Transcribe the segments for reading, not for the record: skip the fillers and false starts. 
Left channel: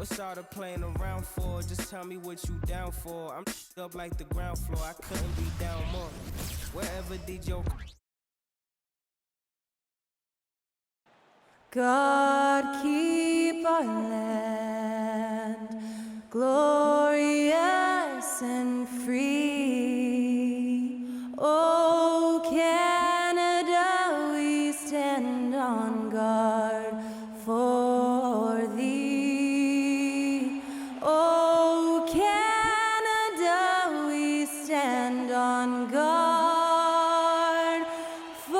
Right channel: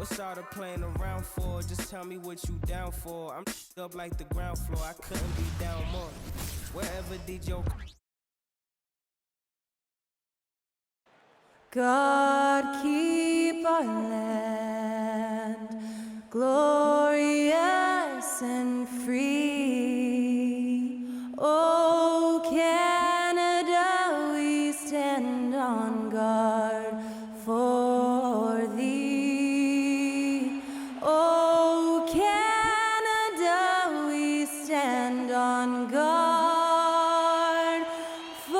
What's all the playing around for? Just tell me what you down for. I'm up like the ground floor. I couldn't be down more. Wherever DJ. God keep our land glorious and free. Oh, Canada, we stand on guard for thee. Oh, Canada, we stand on guard for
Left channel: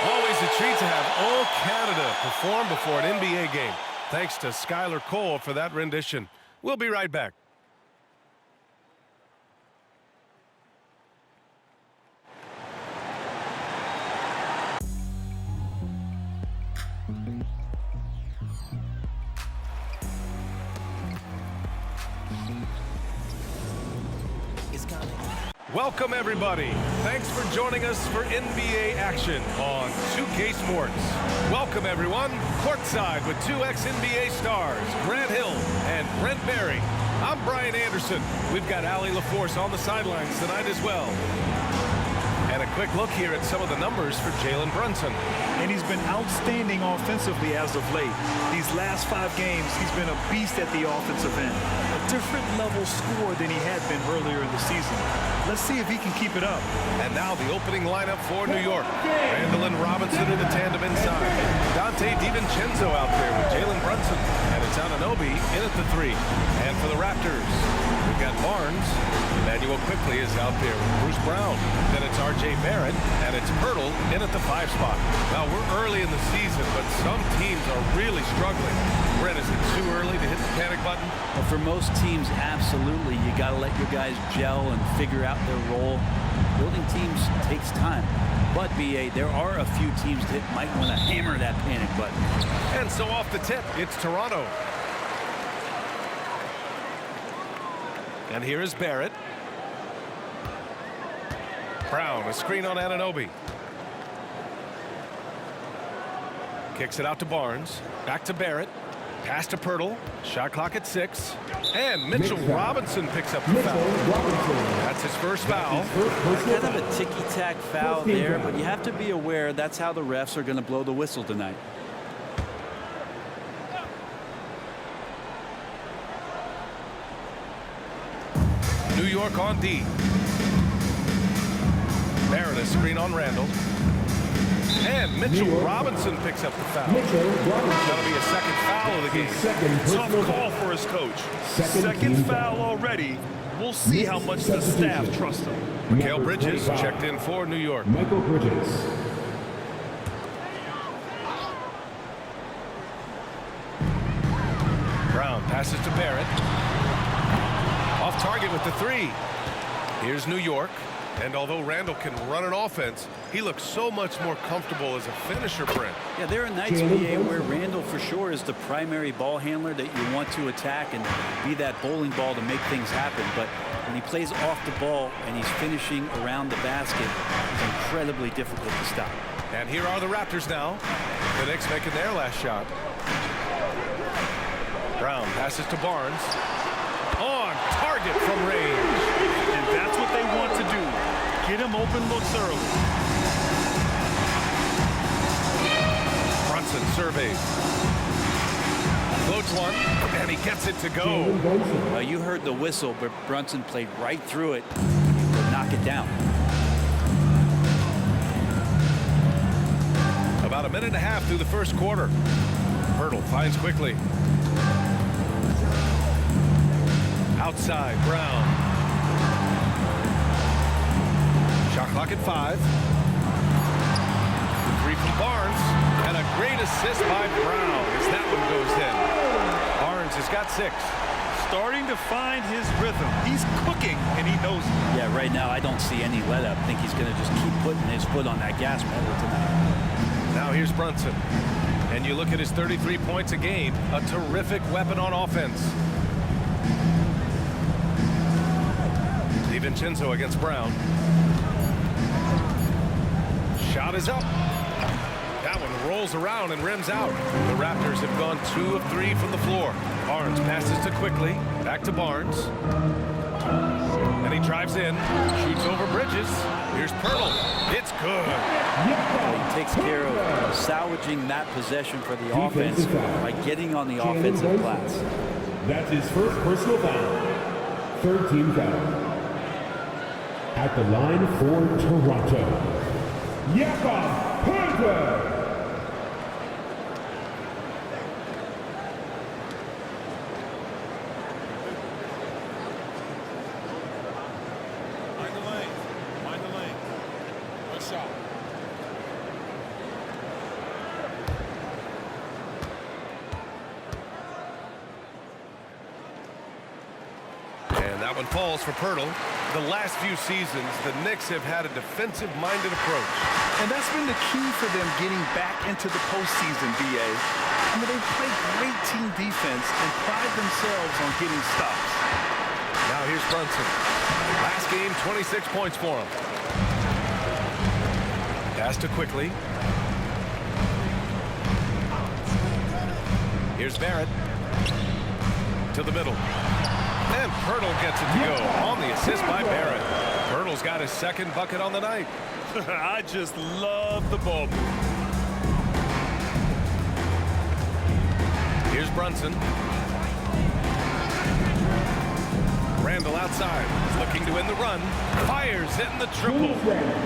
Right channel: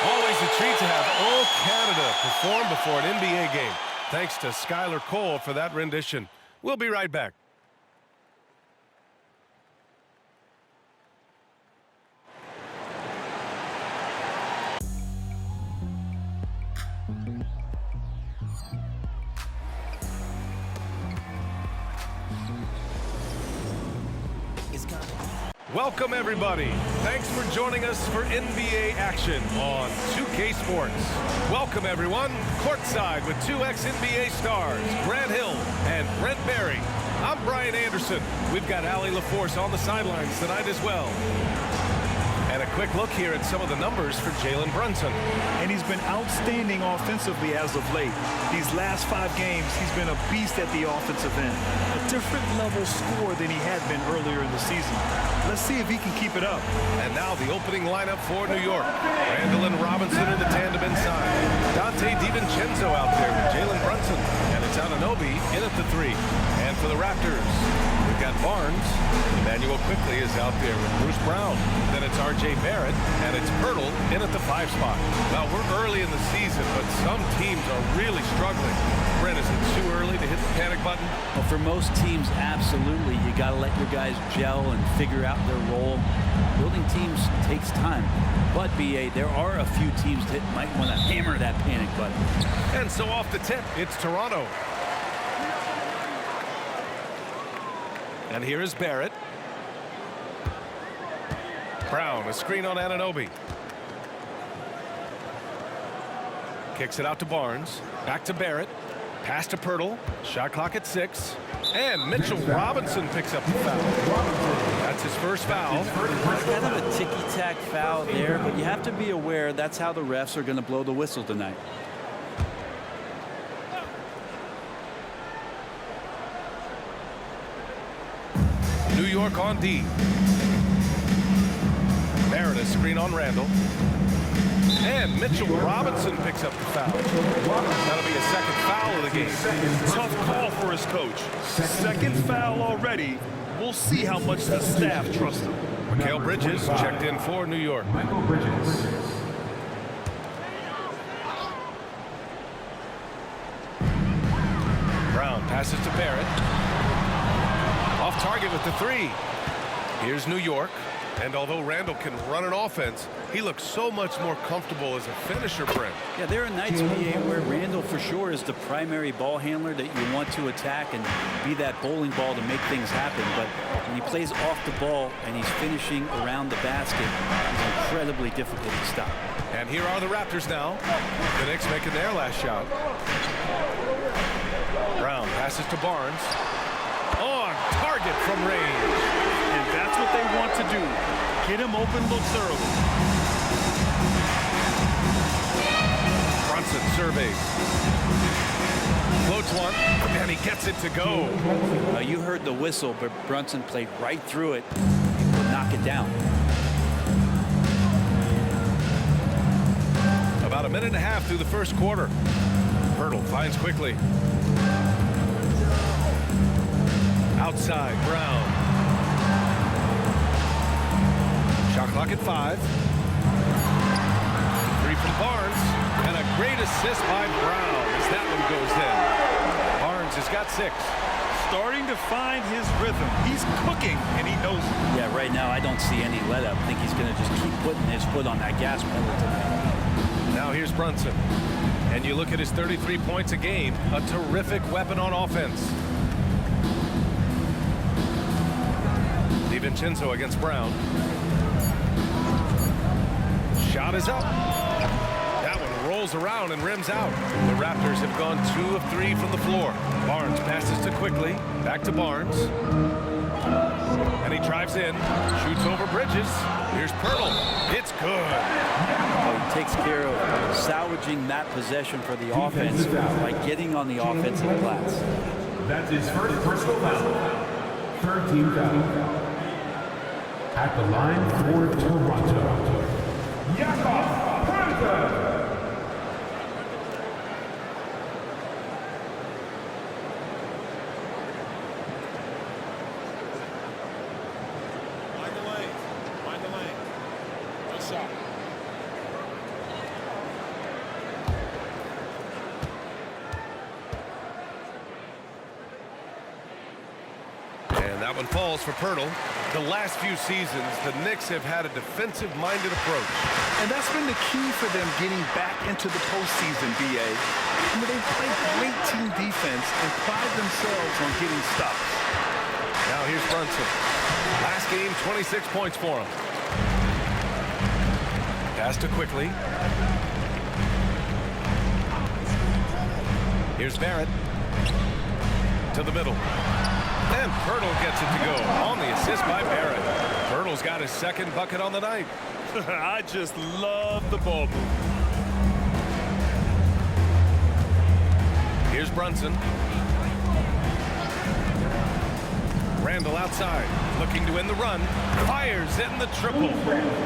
Always a treat to have Oh Canada perform before an NBA game. Thanks to Skylar Cole for that rendition. We'll be right back. Welcome, everybody. Thanks for joining us for NBA action on 2K Sports. Welcome, everyone. Courtside with two ex-NBA stars, Grant Hill and Brent Barry. I'm Brian Anderson. We've got Allie LaForce on the sidelines tonight as well. And a quick look here at some of the numbers for Jalen Brunson. And he's been outstanding offensively as of late. These last 5 games, he's been a beast at the offensive end. A different level score than he had been earlier in the season. Let's see if he can keep it up. And now the opening lineup for New York. Randall and Robinson in the tandem inside. Dante DiVincenzo out there with Jalen Brunson. And it's Anunoby in at the 3. And for the Raptors, we've got Barnes. Emmanuel Quickley is out there with Bruce Brown. Then it's R.J. Barrett, and it's Pirtle in at the 5 spot. Well, we're early in the season, but some teams are really struggling. Brent, is it too early to hit the panic button? Well, for most teams, absolutely. You got to let your guys gel and figure out their role. Building teams takes time. But, B.A., there are a few teams that might want to hammer that panic button. And so off the tip, it's Toronto. And here is Barrett. Brown, a screen on Anunoby. Kicks it out to Barnes. Back to Barrett. Pass to Pirtle. Shot clock at 6. And Mitchell Robinson picks up the foul. That's his first foul. Kind of a ticky-tack foul there, but you have to be aware that's how the refs are going to blow the whistle tonight. New York on D. Barrett, a screen on Randall. And Mitchell Robinson picks up the foul. That'll be a second foul of the game. Tough call for his coach. Second foul already. We'll see how much the staff trusts him. Mikal Bridges checked in for New York. Mikal Bridges. Brown passes to Barrett. Off target with the 3. Here's New York. And although Randall can run an offense, he looks so much more comfortable as a finisher, Brent. Yeah, there are nights, B.A., where Randall for sure is the primary ball handler that you want to attack and be that bowling ball to make things happen. But when he plays off the ball and he's finishing around the basket, he's incredibly difficult to stop. And here are the Raptors now. The Knicks making their last shot. Brown passes to Barnes. On target from range. And that's what they want to do. Get him open looks early. Brunson surveys. Floats one, and he gets it to go. You heard the whistle, but Brunson played right through it and would knock it down. About a minute and a half through the first quarter. Pirtle finds Quickley. Outside, Brown. Shot clock at 5. The 3 from Barnes. And a great assist by Brown as that one goes in. Barnes has got 6. Starting to find his rhythm. He's cooking, and he knows it. Yeah, right now I don't see any let up. I think he's going to just keep putting his foot on that gas pedal tonight. Now here's Brunson. And you look at his 33 points a game. A terrific weapon on offense. DiVincenzo against Brown. Shot is up. rolls around and rims out. The Raptors have gone 2 of 3 from the floor. Barnes passes to Quickly. Back to Barnes. And he drives in, shoots over Bridges. Here's Pirtle. It's good. Well, he takes care of salvaging that possession for the offense by getting on the offensive glass. That's his first personal foul. Third team foul. At the line for Toronto, Jakob Poeltl. Mind the lane. Mind the lane. Good shot. And that one falls for Pirtle. The last few seasons, the Knicks have had a defensive-minded approach. And that's been the key for them getting back into the postseason, B.A. I mean, they play great team defense and pride themselves on getting stops. Now here's Brunson. Last game, 26 points for him. Pass to Quickly. Here's Barrett. To the middle. And Pirtle gets it to go on the assist by Barrett. Pirtle's got his second bucket on the night. I just love the ball move. Here's Brunson. Randall outside, looking to end the run. Fires in the triple.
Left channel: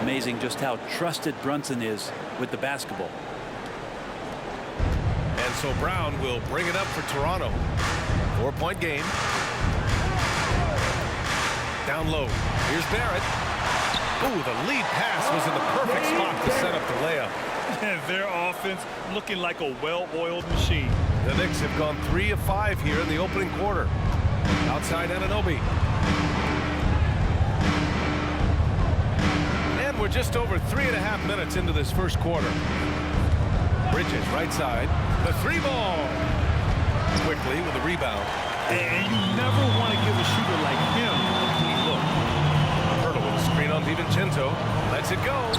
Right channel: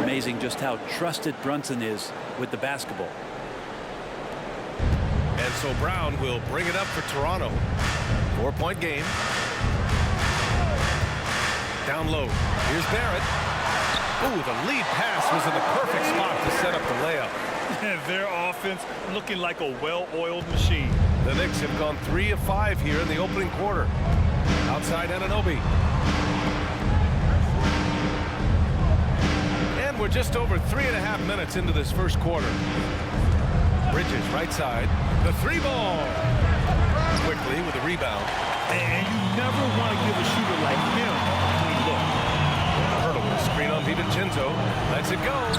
Amazing just how trusted Brunson is with the basketball. And so Brown will bring it up for Toronto. 4-point game. Down low. Here's Barrett. Ooh, the lead pass was in the perfect spot to set up the layup. Their offense looking like a well-oiled machine. The Knicks have gone 3 of 5 here in the opening quarter. Outside Anunoby. And we're just over 3.5 minutes into this first quarter. Bridges right side. The 3-ball. Quickly with a rebound. And you never want to give a shooter like him a clean look. Pirtle with a screen on DiVincenzo. Lets it go.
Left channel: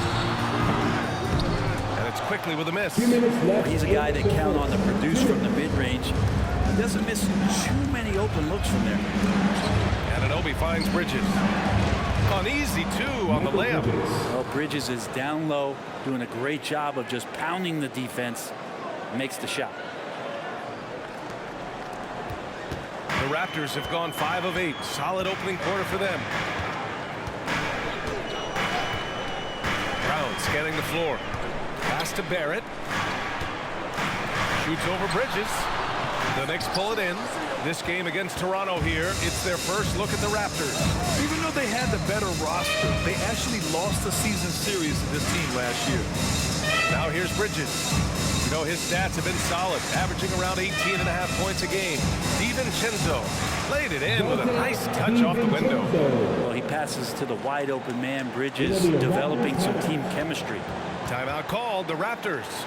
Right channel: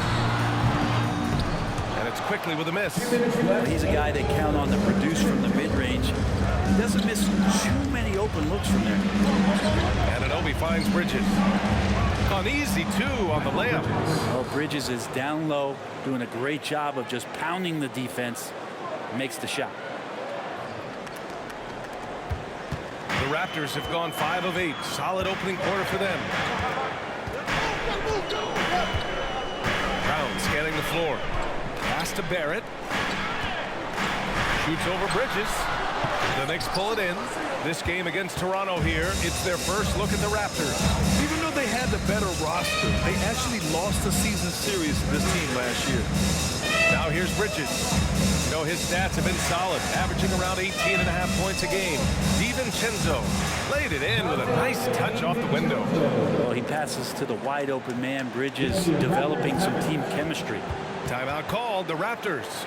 And it's Quickly with a miss. Well, he's a guy that count on to produce from the mid-range. He doesn't miss too many open looks from there. Anunoby finds Bridges. An easy 2 on the layup. Well, Bridges is down low, doing a great job of just pounding the defense. Makes the shot. The Raptors have gone 5 of 8. Solid opening quarter for them. Brown scanning the floor. Pass to Barrett. Shoots over Bridges. The Knicks pull it in. This game against Toronto here, it's their first look at the Raptors. Even though they had the better roster, they actually lost the season series to this team last year. Now here's Bridges. You know, his stats have been solid, averaging around 18.5 points a game. DiVincenzo laid it in with a nice touch off the window. Well, he passes to the wide open man. Bridges developing some team chemistry. Timeout called, the Raptors.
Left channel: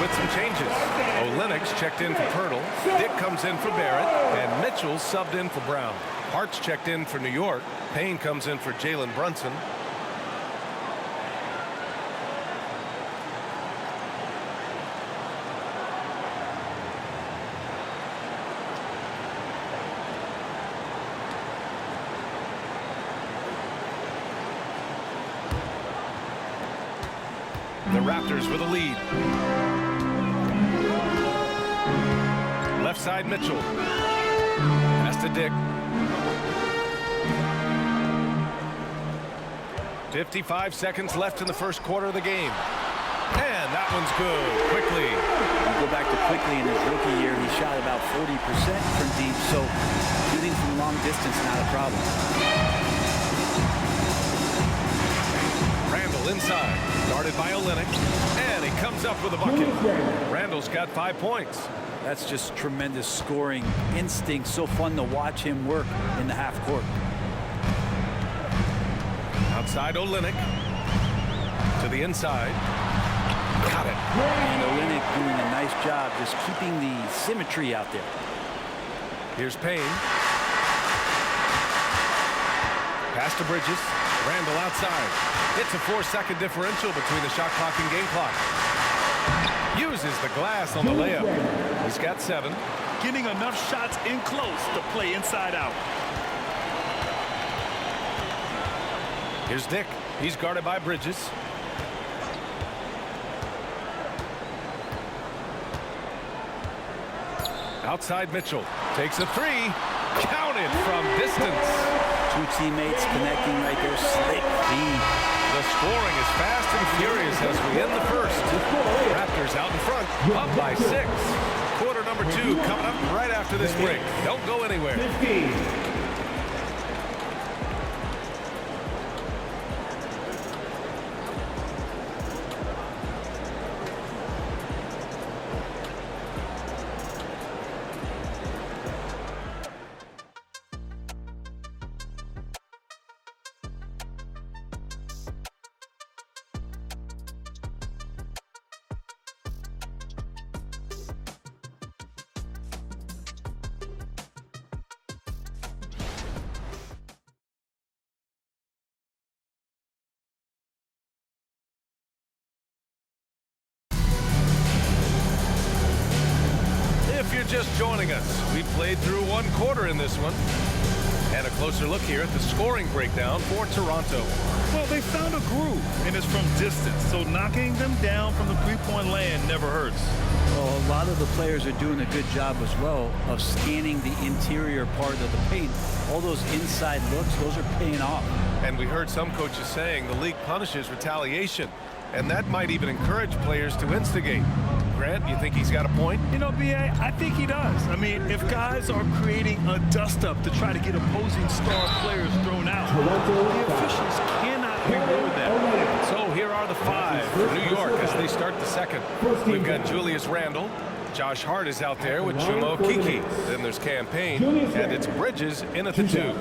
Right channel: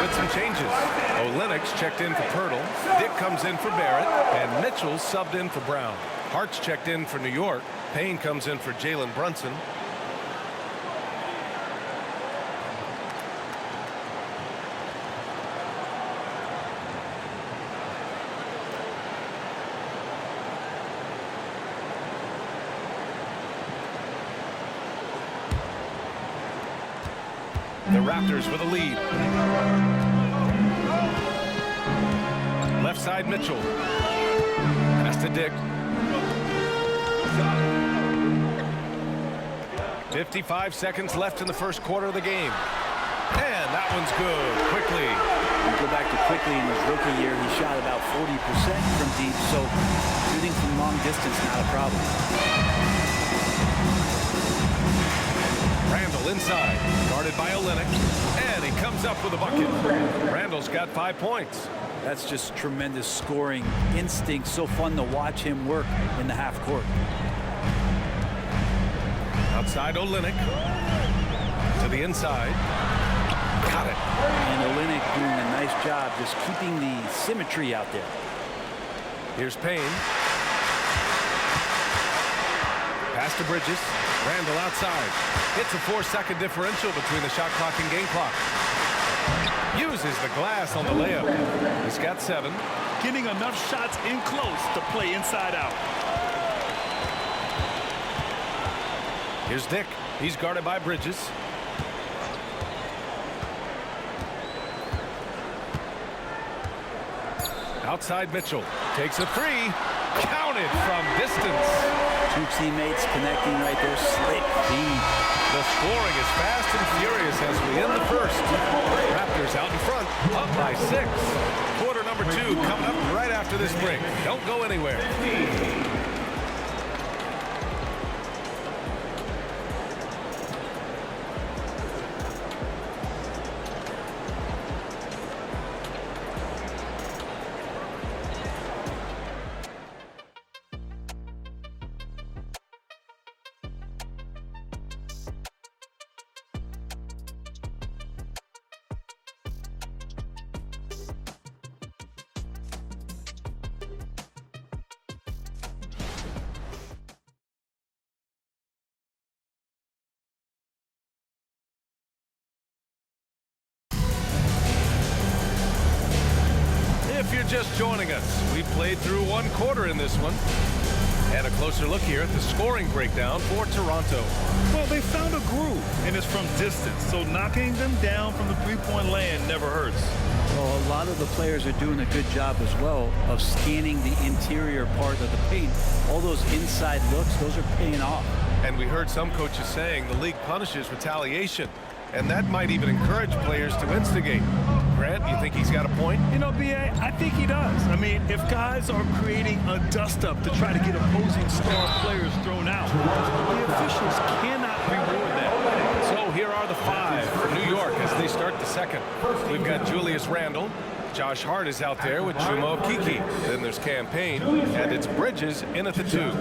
With some changes. Olynyk's checked in for Pirtle. Dick comes in for Barrett. And Mitchell subbed in for Brown. Hart's checked in for New York. Payne comes in for Jalen Brunson. The Raptors with a lead. Left side Mitchell. Pass to Dick. 55 seconds left in the first quarter of the game. And that one's good. Quickly. You go back to Quickly in his rookie year, he shot about 40% from deep, so shooting from long distance, not a problem. Randall inside, guarded by Olynyk, and he comes up with a bucket. Randall's got 5 points. That's just tremendous scoring instinct. So fun to watch him work in the half court. Outside Olynyk to the inside. Got it. And Olynyk doing a nice job just keeping the symmetry out there. Here's Payne. Pass to Bridges. Randall outside. It's a 4-second differential between the shot clock and game clock. Uses the glass on the layup. He's got 7. Getting enough shots in close to play inside out. Here's Dick. He's guarded by Bridges. Outside Mitchell. Takes a 3. Counted from distance. 2 teammates connecting right there. Slick feed. The scoring is fast and furious as we end the first. Raptors out in front, up by 6. Quarter number 2 coming up right after this break. Don't go anywhere. If you're just joining us, we played through 1 quarter in this one. And a closer look here at the scoring breakdown for Toronto. Well, they found a groove, and it's from distance, so knocking them down from the three-point land never hurts. Well, a lot of the players are doing a good job as well of scanning the interior part of the paint. All those inside looks, those are paying off. And we heard some coaches saying the league punishes retaliation, and that might even encourage players to instigate. Grant, you think he's got a point? You know, B.A., I think he does. I mean, if guys are creating a dust-up to try to get opposing star players thrown out, the officials cannot reward that. So here are the 5 for New York as they start the second. We've got Julius Randle. Josh Hart is out there with Chuma Okeke. Then there's Cam Payne, and it's Bridges in at the 2.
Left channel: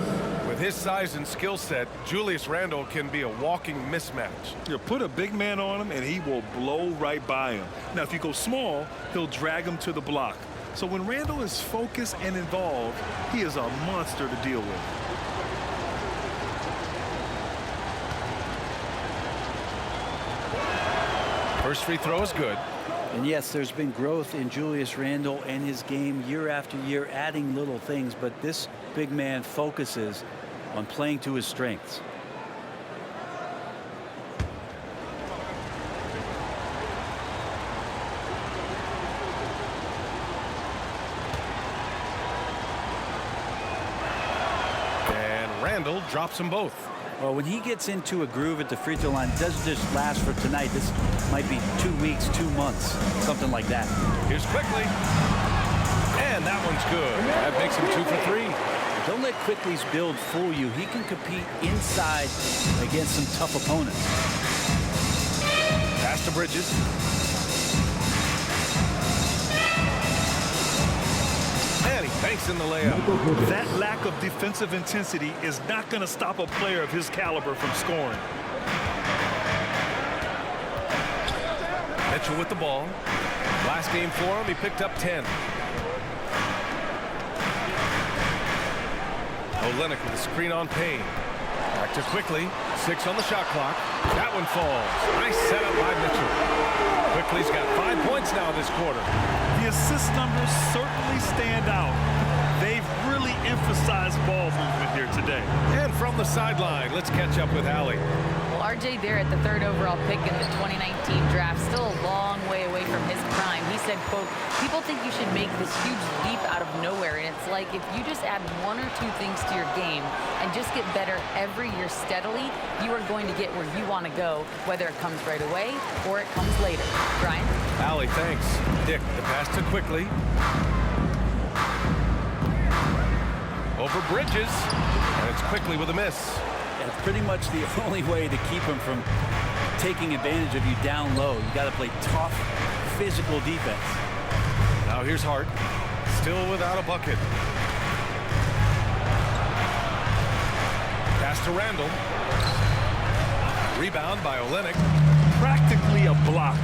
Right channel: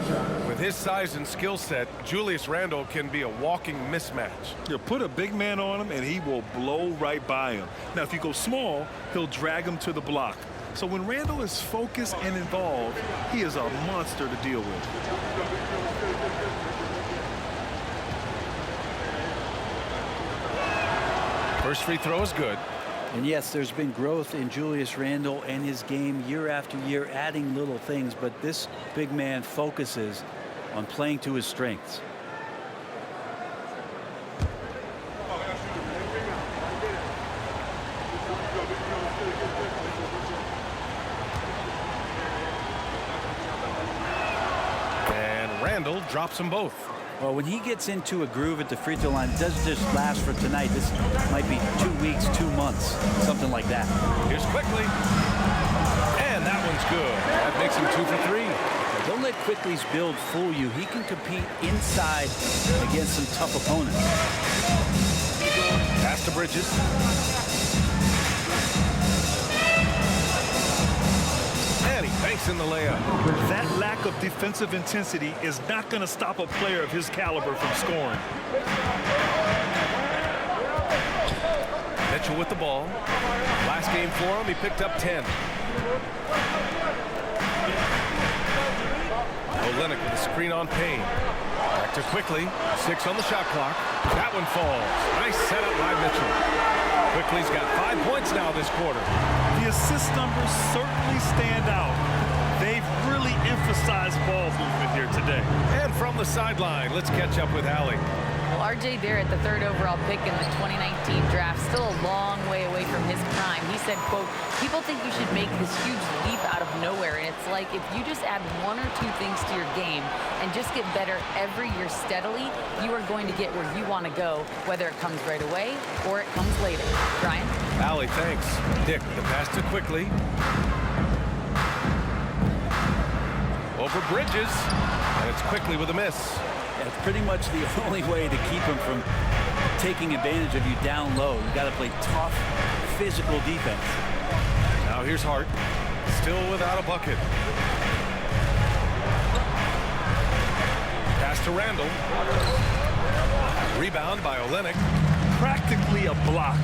With his size and skill set, Julius Randle can be a walking mismatch. You put a big man on him, and he will blow right by him. Now, if you go small, he'll drag him to the block. So when Randle is focused and involved, he is a monster to deal with. First free throw is good. And yes, there's been growth in Julius Randle and his game year after year, adding little things, but this big man focuses on playing to his strengths. And Randle drops them both. Well, when he gets into a groove at the free throw line, it doesn't just last for tonight. This might be 2 weeks, 2 months, something like that. Here's Quickly. And that one's good. That makes him 2 for 3. Don't let Quickly's build fool you. He can compete inside against some tough opponents. Pass to Bridges. And he banks in the layup. That lack of defensive intensity is not going to stop a player of his caliber from scoring. Mitchell with the ball. Last game for him, he picked up 10. Olynyk with a screen on Payne. Back to Quickly. 6 on the shot clock. That one falls. Nice setup by Mitchell. Quickly's got 5 points now this quarter. The assist numbers certainly stand out. They've really emphasized ball movement here today. And from the sideline, let's catch up with Allie. Well, R.J. Barrett, the 3rd overall pick in the 2019 draft, still a long way away from his prime. He said, quote, people think you should make this huge leap out of nowhere. And it's like if you just add 1 or 2 things to your game and just get better every year steadily, you are going to get where you want to go, whether it comes right away or it comes later. Brian? Allie, thanks. Dick, the pass to Quickly. Over Bridges. And it's Quickly with a miss. It's pretty much the only way to keep him from taking advantage of you down low. You got to play tough, physical defense. Now here's Hart, still without a bucket. Pass to Randall. Rebound by Olynyk. Practically a block.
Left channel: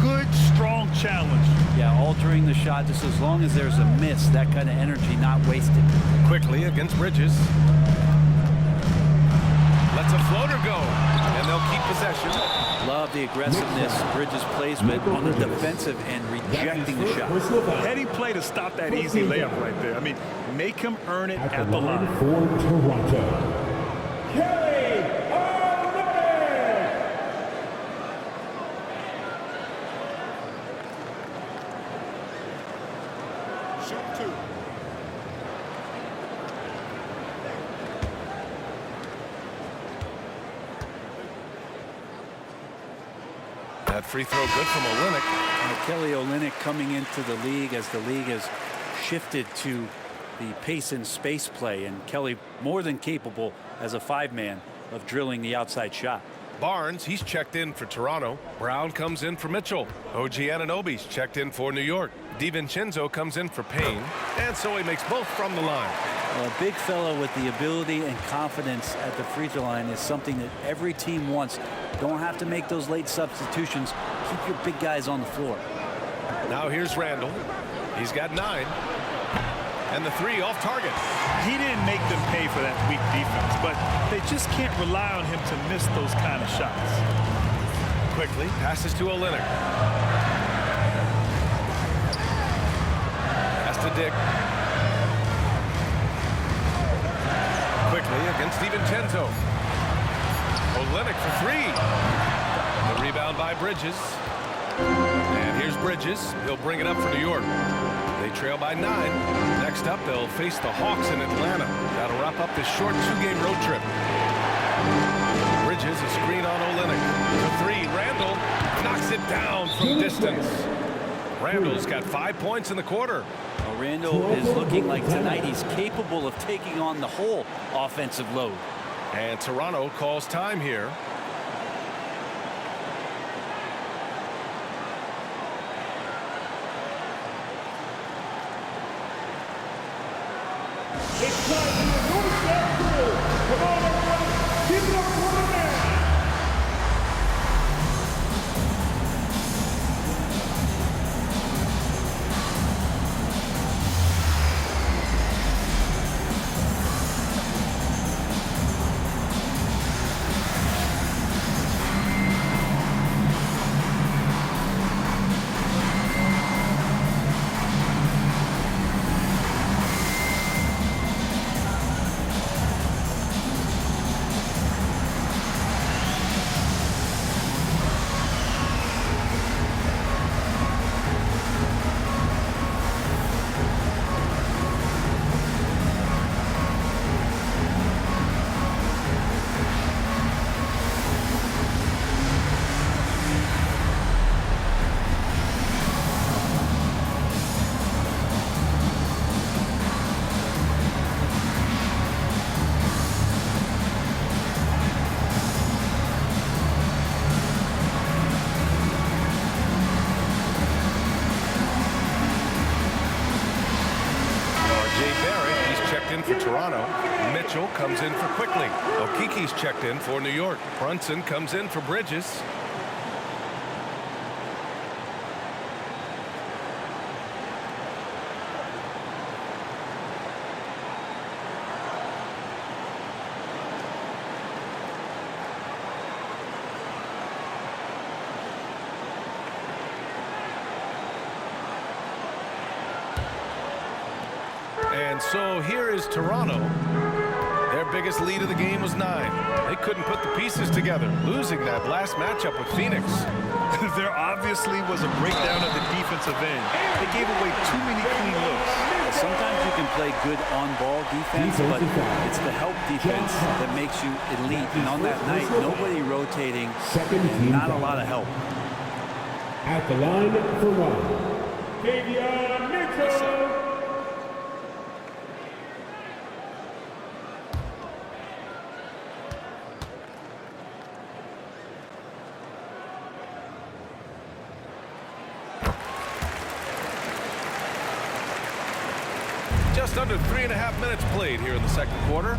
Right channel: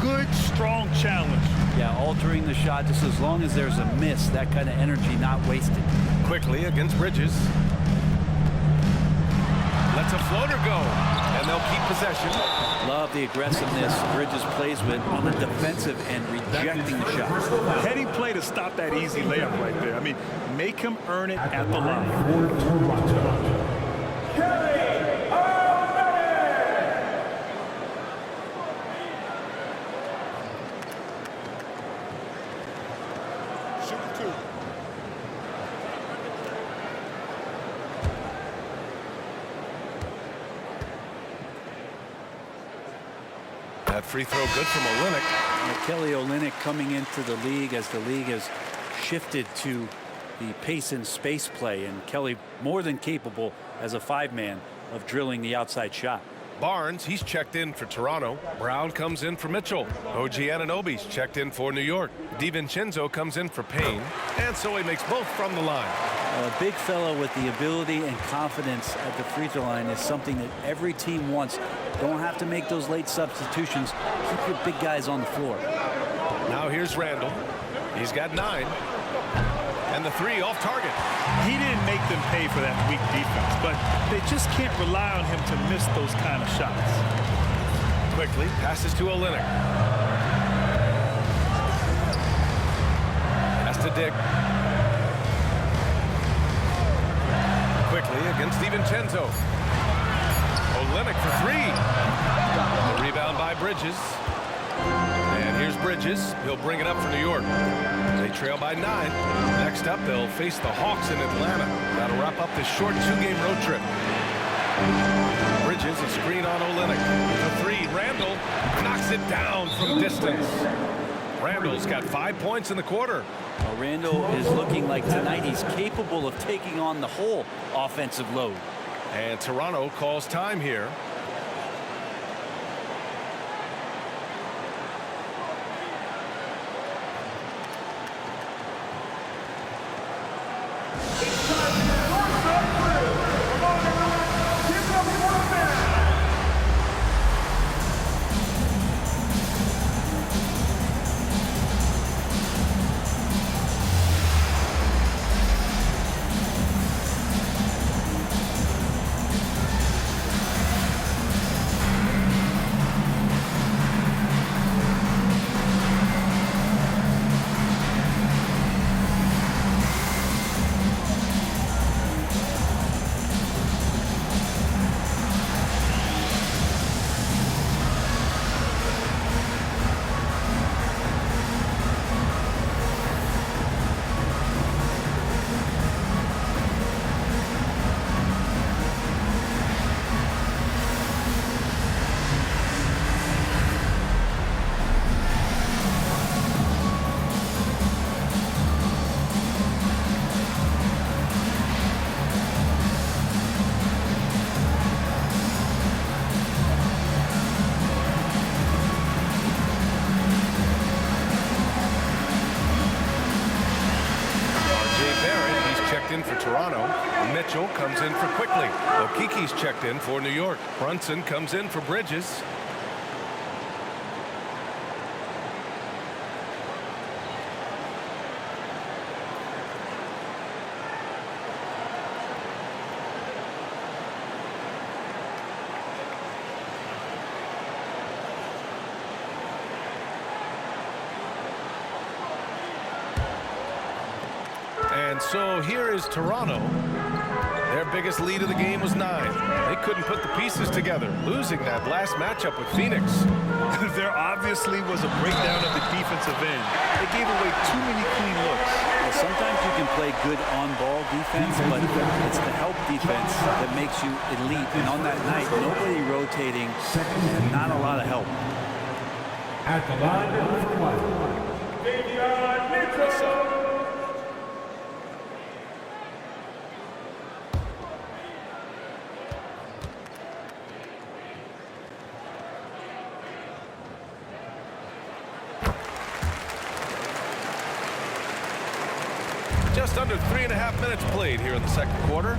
Good, strong challenge. Yeah, altering the shot just as long as there's a miss, that kind of energy not wasted. Quickly against Bridges. Lets a floater go, and they'll keep possession. Love the aggressiveness Bridges plays with on the defensive end, rejecting the shot. Heading play to stop that easy layup right there. I mean, make him earn it at the line. For Toronto, Kelly Olynyk. Shooting 2. That free throw good from Olynyk. Kelly Olynyk coming into the league as the league has shifted to the pace and space play, and Kelly more than capable as a 5-man of drilling the outside shot. Barnes, he's checked in for Toronto. Brown comes in for Mitchell. OG Anunoby's checked in for New York. DiVincenzo comes in for Payne, and so he makes both from the line. A big fellow with the ability and confidence at the free throw line is something that every team wants. Don't have to make those late substitutions. Keep your big guys on the floor. Now here's Randall. He's got 9. And the 3 off target. He didn't make them pay for that weak defense, but they just can't rely on him to miss those kind of shots. Quickly passes to Olynyk. Pass to Dick. Quickly against DiVincenzo. Olynyk for 3. The rebound by Bridges. And here's Bridges. He'll bring it up for New York. They trail by 9. Next up, they'll face the Hawks in Atlanta. That'll wrap up this short 2-game road trip. Bridges, a screen on Olynyk. For 3, Randall knocks it down from distance. Randall's got 5 points in the quarter. Well, Randall is looking like tonight he's capable of taking on the whole offensive load. And Toronto calls time here. It's time for your doorstep crew. Come on, everyone. Give it up for the man. Barrett, he's checked in for Toronto. Mitchell comes in for Quickly. Okiki's checked in for New York. Brunson comes in for Bridges. And so here is Toronto. Their biggest lead of the game was 9. They couldn't put the pieces together, losing that last matchup with Phoenix. There obviously was a breakdown of the defensive end. They gave away too many clean looks. Well, sometimes you can play good on-ball defense, but it's the help defense that makes you elite. And on that night, nobody rotating and not a lot of help. At the line for one, Davion Mitchell. Just under 3.5 minutes played here in the second quarter.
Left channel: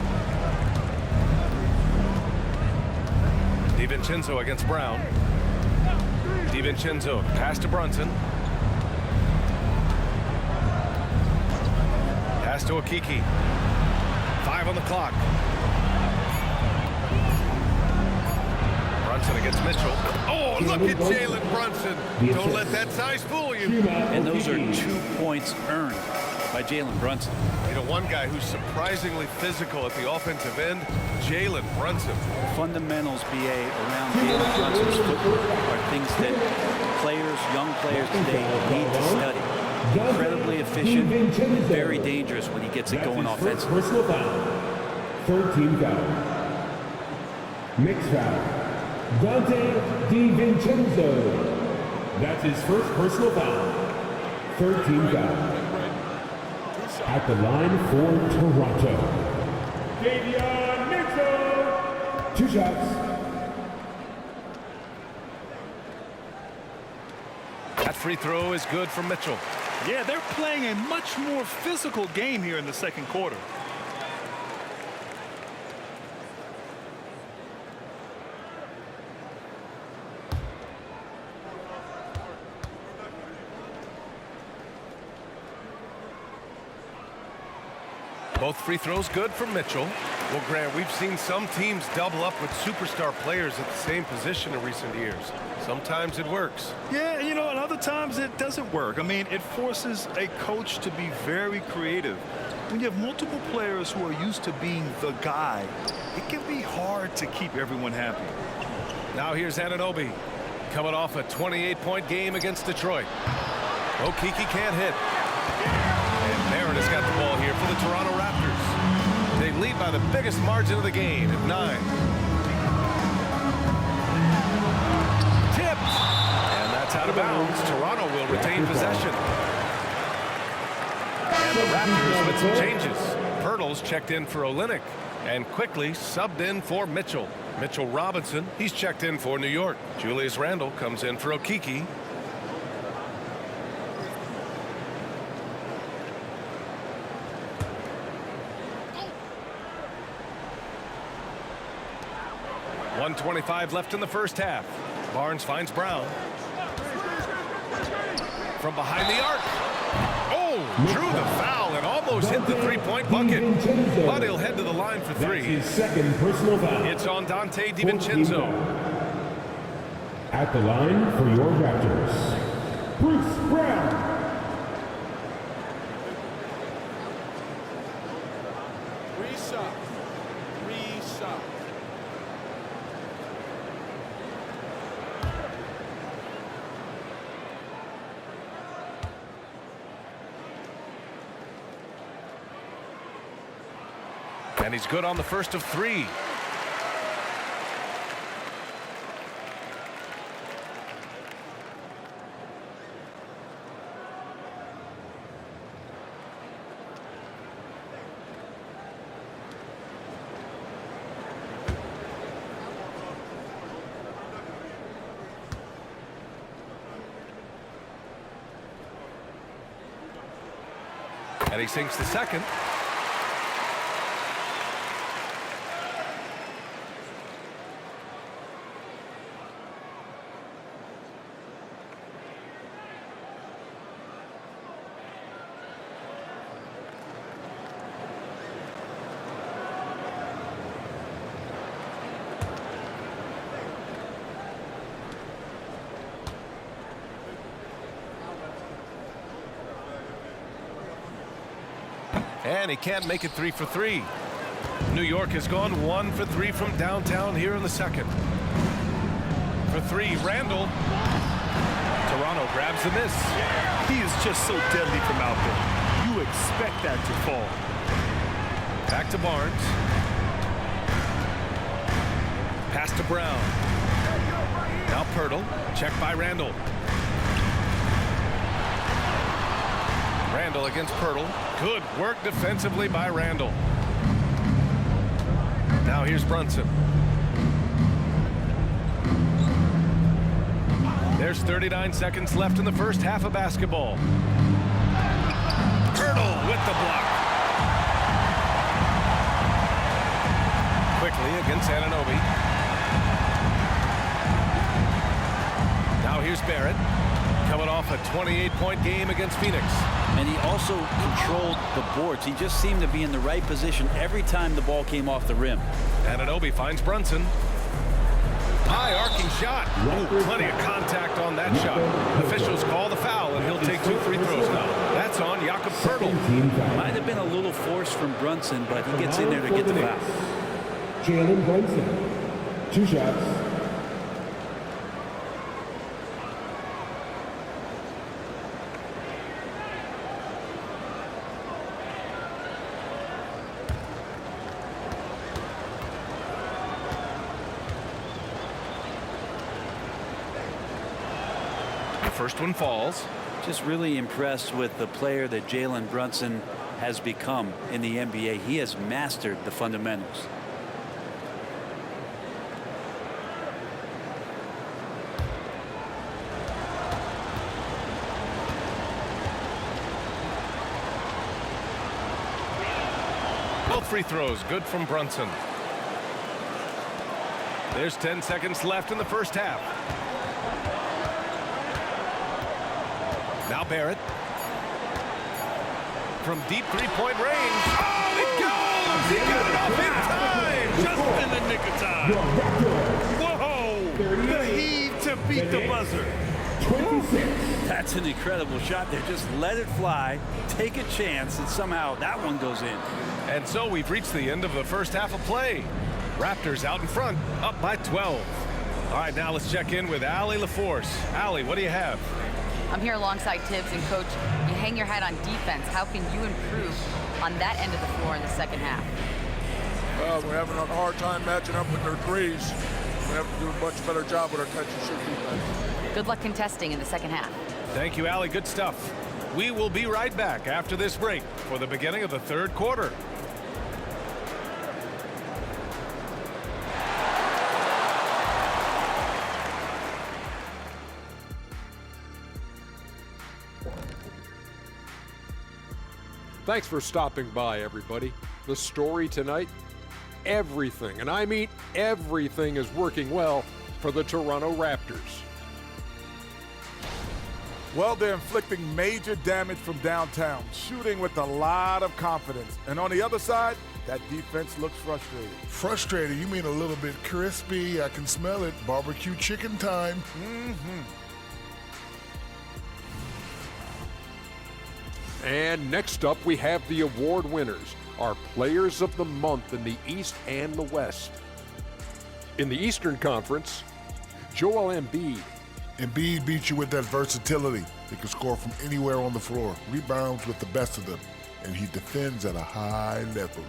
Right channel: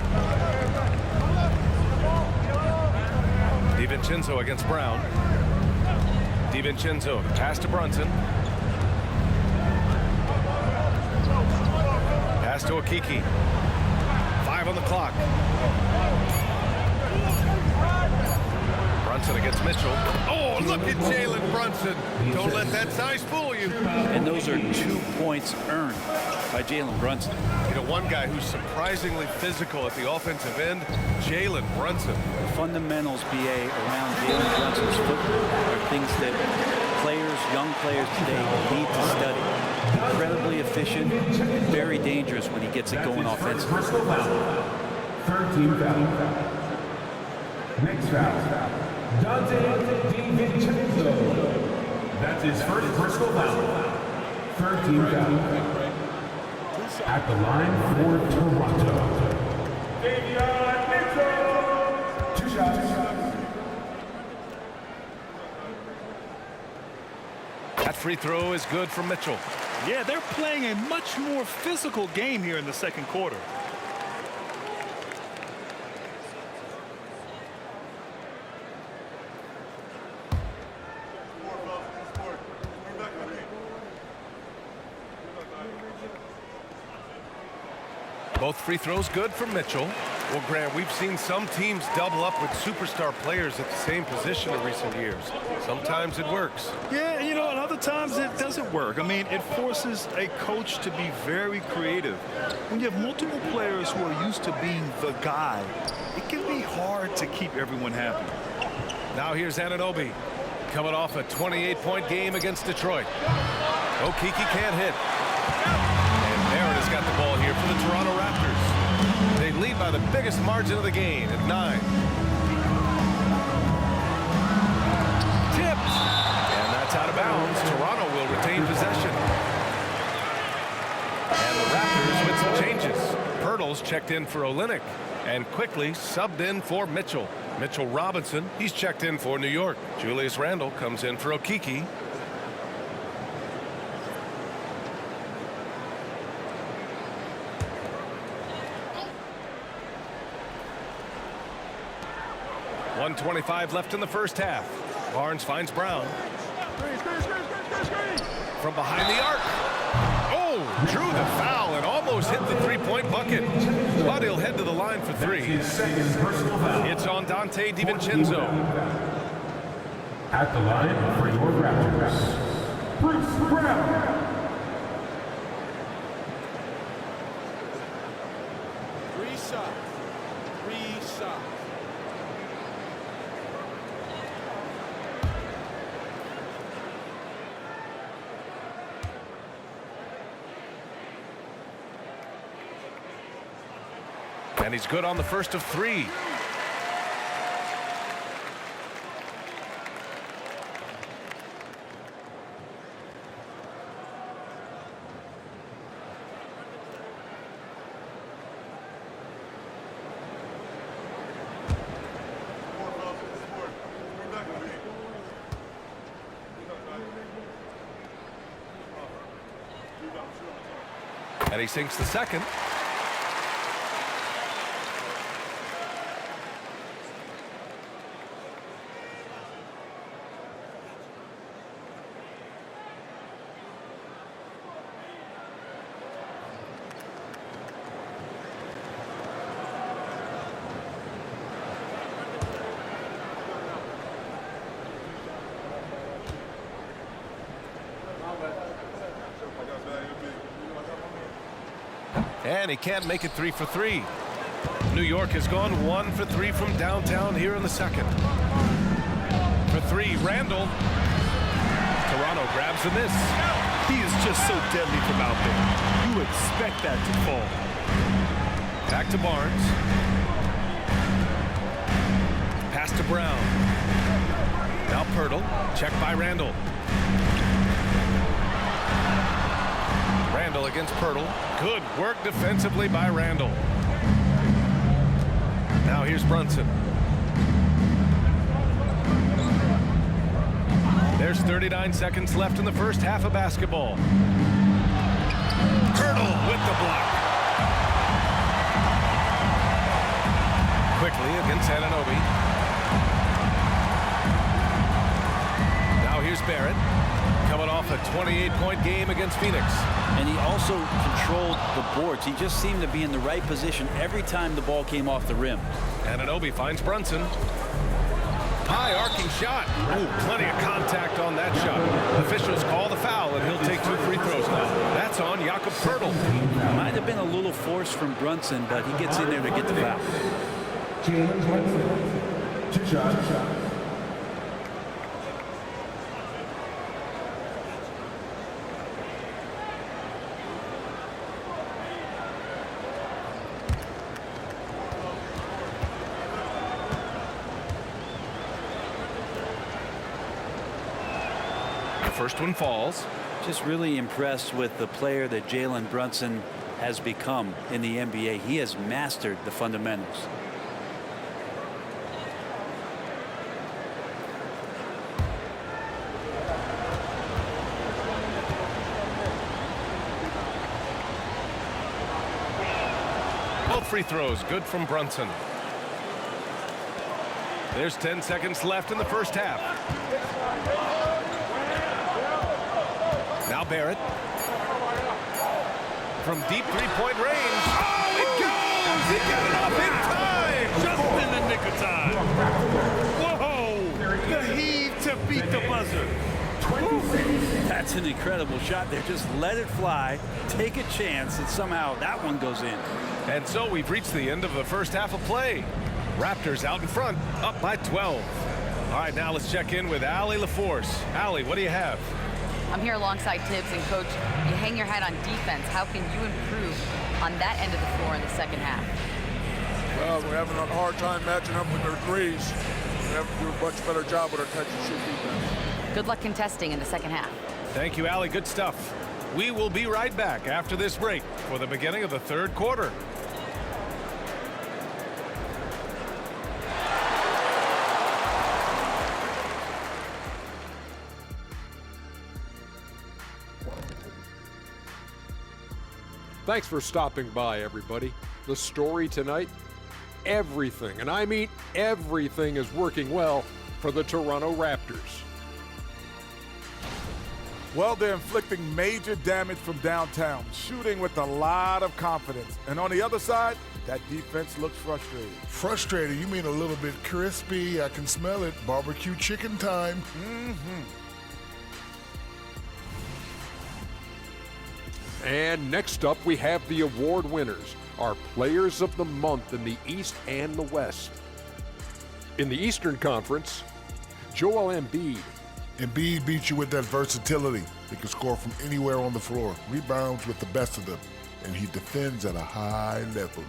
DiVincenzo against Brown. DiVincenzo, the pass to Brunson. Pass to Okiki. 5 on the clock. Brunson against Mitchell. Oh, look at Jalen Brunson. Don't let that size fool you. And those are 2 points earned by Jalen Brunson. You know, one guy who's surprisingly physical at the offensive end, Jalen Brunson. The fundamentals, BA, around Jalen Brunson's footwork are things that players, young players today need to study. Incredibly efficient and very dangerous when he gets it going offensively. Personal foul. Third team foul. Next foul. Dante DiVincenzo. That's his first personal foul. Third team foul. At the line for Toronto, Davion Mitchell. 2 shots. That free throw is good for Mitchell. Yeah, they're playing a much more physical game here in the second quarter. Both free throws good for Mitchell. Well, Grant, we've seen some teams double up with superstar players at the same position in recent years. Sometimes it works. Yeah, you know, and other times it doesn't work. I mean, it forces a coach to be very creative. When you have multiple players who are used to being the guy, it can be hard to keep everyone happy. Now here's Anunoby, coming off a 28-point game against Detroit. Okiki can't hit. And Barrett has got the ball here for the Toronto Raptors. They lead by the biggest margin of the game at 9. Tipped. And that's out of bounds. Toronto will retain possession. And the Raptors with some changes. Pirtle's checked in for Olynyk and quickly subbed in for Mitchell. Mitchell Robinson, he's checked in for New York. Julius Randle comes in for Okiki. .125 left in the first half. Barnes finds Brown. From behind the arc. Oh, drew the foul and almost hit the three-point bucket. But he'll head to the line for 3. His second personal foul. It's on Dante DiVincenzo. At the line for your Raptors, Bruce Brown. 3 shots. 3 shots. And he's good on the first of 3. And he sinks the second. And he can't make it 3 for 3. New York has gone 1 for 3 from downtown here in the second. For 3, Randall. Toronto grabs the miss. He is just so deadly from out there. You expect that to fall. Back to Barnes. Pass to Brown. Now Pirtle. Check by Randall. Randall against Pirtle. Good work defensively by Randall. Now here's Brunson. There's 39 seconds left in the first half of basketball. Pirtle with the block. Quickly against Anunoby. Now here's Barrett, coming off a 28-point game against Phoenix. And he also controlled the boards. He just seemed to be in the right position every time the ball came off the rim. Anunoby finds Brunson. High arcing shot. Ooh, plenty of contact on that shot. Officials call the foul, and he'll take 2 free throws now. That's on Jakob Pirtle. Might have been a little force from Brunson, but he gets in there to get the foul. Jalen Brunson, 2 shots. First one falls. Just really impressed with the player that Jalen Brunson has become in the NBA. He has mastered the fundamentals. Both free throws good from Brunson. There's 10 seconds left in the first half. Now Barrett. From deep three-point range. Oh, it goes! He got it off in time! Just in the nick of time. Whoa! The heave to beat the buzzer. 26. That's an incredible shot there. Just let it fly, take a chance, and somehow that one goes in. And so we've reached the end of the first half of play. Raptors out in front, up by 12. All right, now let's check in with Allie LaForce. Allie, what do you have? I'm here alongside Tibbs, and Coach, you hang your hat on defense. How can you improve on that end of the floor in the second half? Well, we're having a hard time matching up with their threes. We have to do a much better job with our catch-and-shoot defense. Good luck contesting in the second half. Thank you, Allie. Good stuff. We will be right back after this break for the beginning of the third quarter. Thanks for stopping by, everybody. The story tonight, everything, and I mean everything, is working well for the Toronto Raptors. Well, they're inflicting major damage from downtown, shooting with a lot of confidence. And on the other side, that defense looks frustrated. Frustrated? You mean a little bit crispy? I can smell it. Barbecue chicken time. And next up, we have the award winners, our players of the month in the East and the West. In the Eastern Conference, Joel Embiid. Embiid beats you with that versatility. He can score from anywhere on the floor, rebounds with the best of them, and he defends at a high level.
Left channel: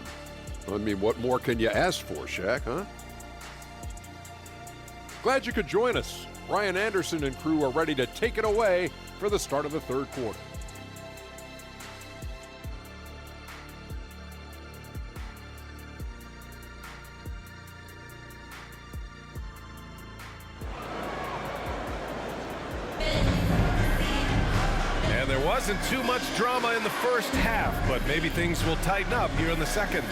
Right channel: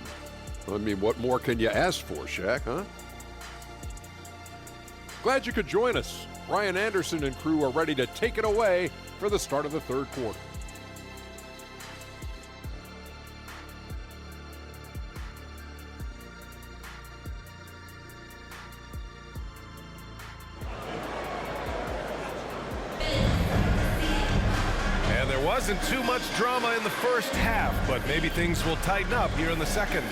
I mean, what more can you ask for, Shaq, huh? Glad you could join us. Ryan Anderson and crew are ready to take it away for the start of the third quarter. And there wasn't too much drama in the first half, but maybe things will tighten up here in the second.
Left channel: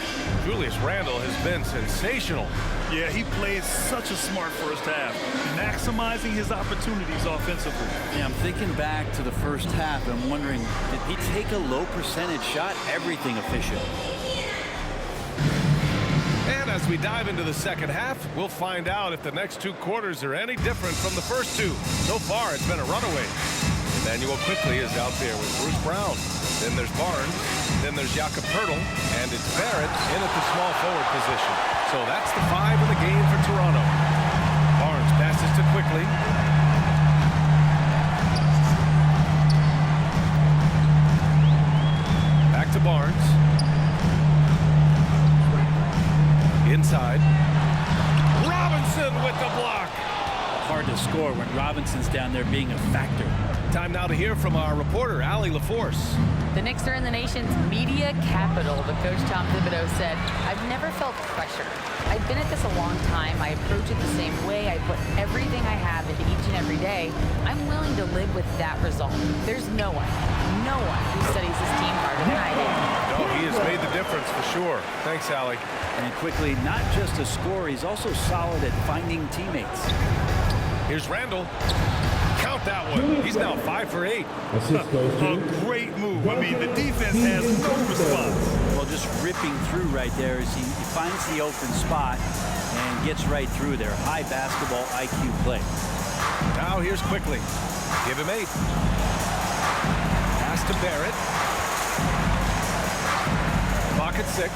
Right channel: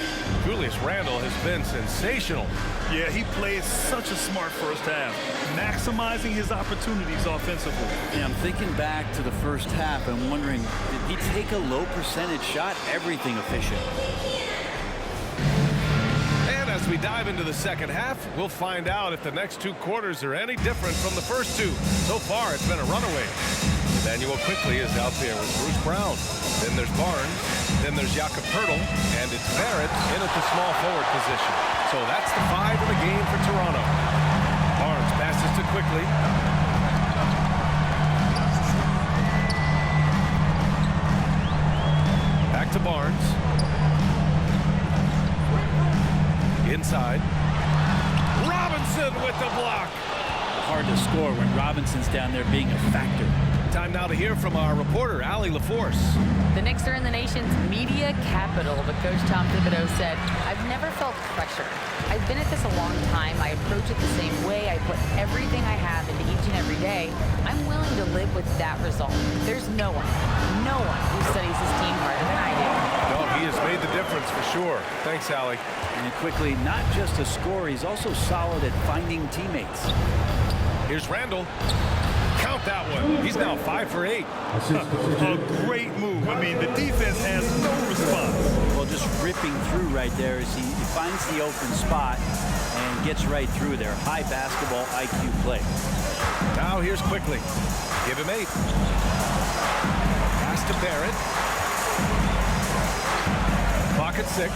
Julius Randle has been sensational. Yeah, he played such a smart first half, maximizing his opportunities offensively. Yeah, I'm thinking back to the first half and wondering, did he take a low percentage shot? Everything efficient. And as we dive into the second half, we'll find out if the next two quarters are any different from the first two. So far, it's been a runaway. Emmanuel quickly is out there with Bruce Brown. Then there's Barnes. Then there's Jakob Poeltl, and it's Barrett in at the small forward position. So that's the 5 in the game for Toronto. Barnes passes to Quickly. Back to Barnes. Inside. Robinson with the block. Hard to score when Robinson's down there being a factor. Time now to hear from our reporter, Allie LaForce. The Knicks are in the nation's media capital, but Coach Tom Thibodeau said, "I've never felt pressure. I've been at this a long time. I approach it the same way. I put everything I have into each and every day. I'm willing to live with that result. There's no one who studies his team harder than I do." No, he has made the difference for sure. Thanks, Allie. And Quickly, not just a scorer, he's also solid at finding teammates. Here's Randall. Count that one. He's now 5 for 8. A great move. I mean, the defense has no response. Well, just ripping through right there as he finds the open spot and gets right through there. High basketball IQ play. Now here's Quickly. Give him 8. Pass to Barrett. Clock at 6.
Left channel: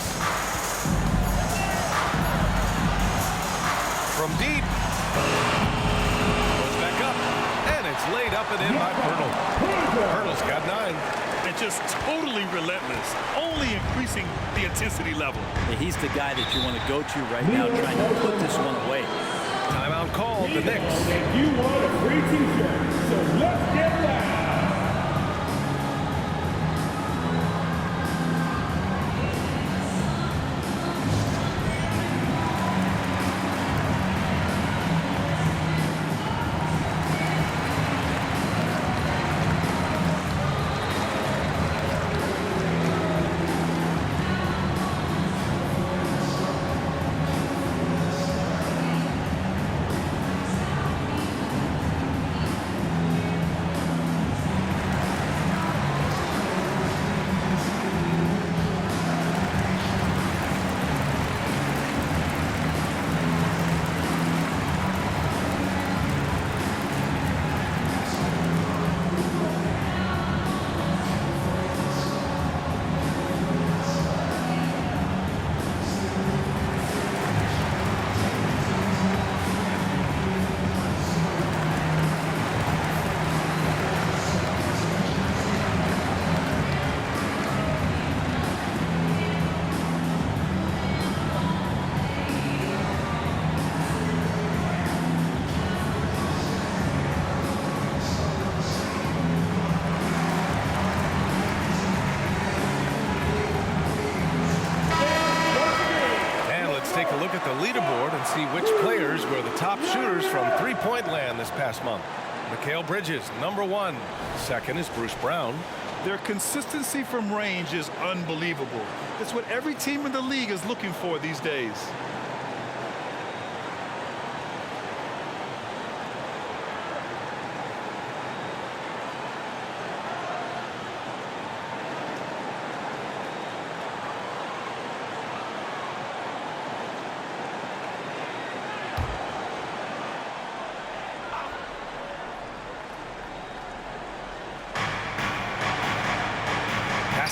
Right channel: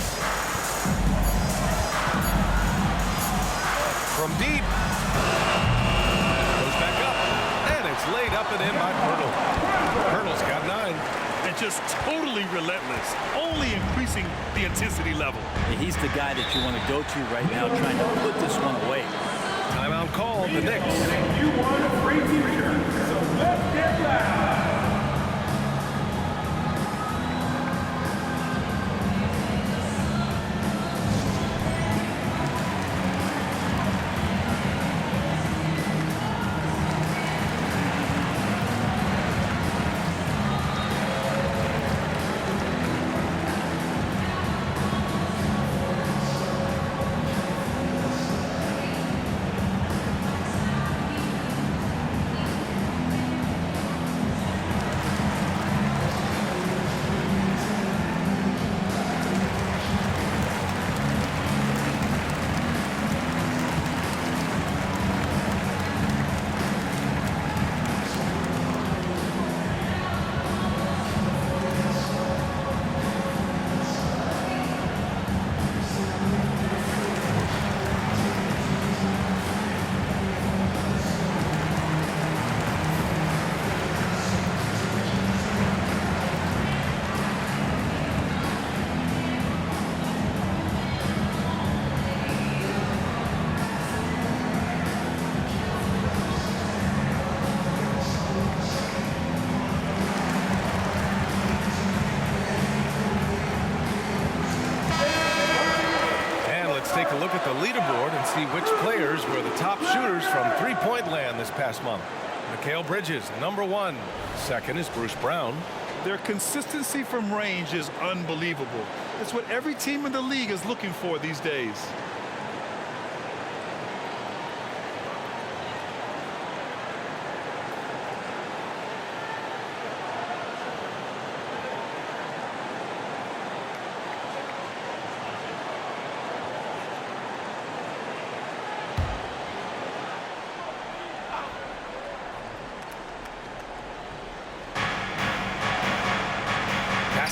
From deep. Goes back up. And it's laid up and in by Poeltl. Poeltl's got 9. And just totally relentless, only increasing the intensity level. He's the guy that you want to go to right now, trying to put this one away. Timeout called, the Knicks. You won a free t-shirt, so let's get loud. Take a look at the leaderboard and see which players were the top shooters from three-point land this past month. Mikal Bridges, number 1. Second is Bruce Brown. Their consistency from range is unbelievable. It's what every team in the league is looking for these days.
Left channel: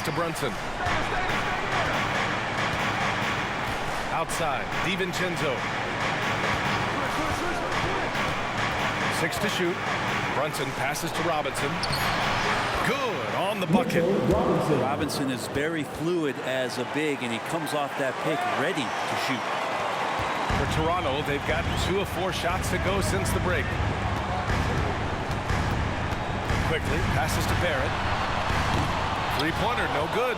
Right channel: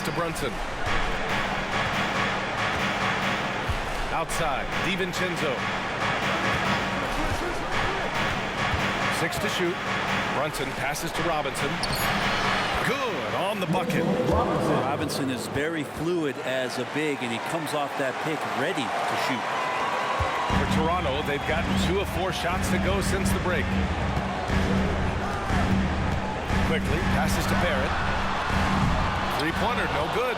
To Brunson. Outside, DiVincenzo. 6 to shoot. Brunson passes to Robinson. Good on the bucket. Robinson is very fluid as a big, and he comes off that pick ready to shoot. For Toronto, they've gotten 2 of 4 shots to go since the break. Quickly passes to Barrett. Three-pointer, no good.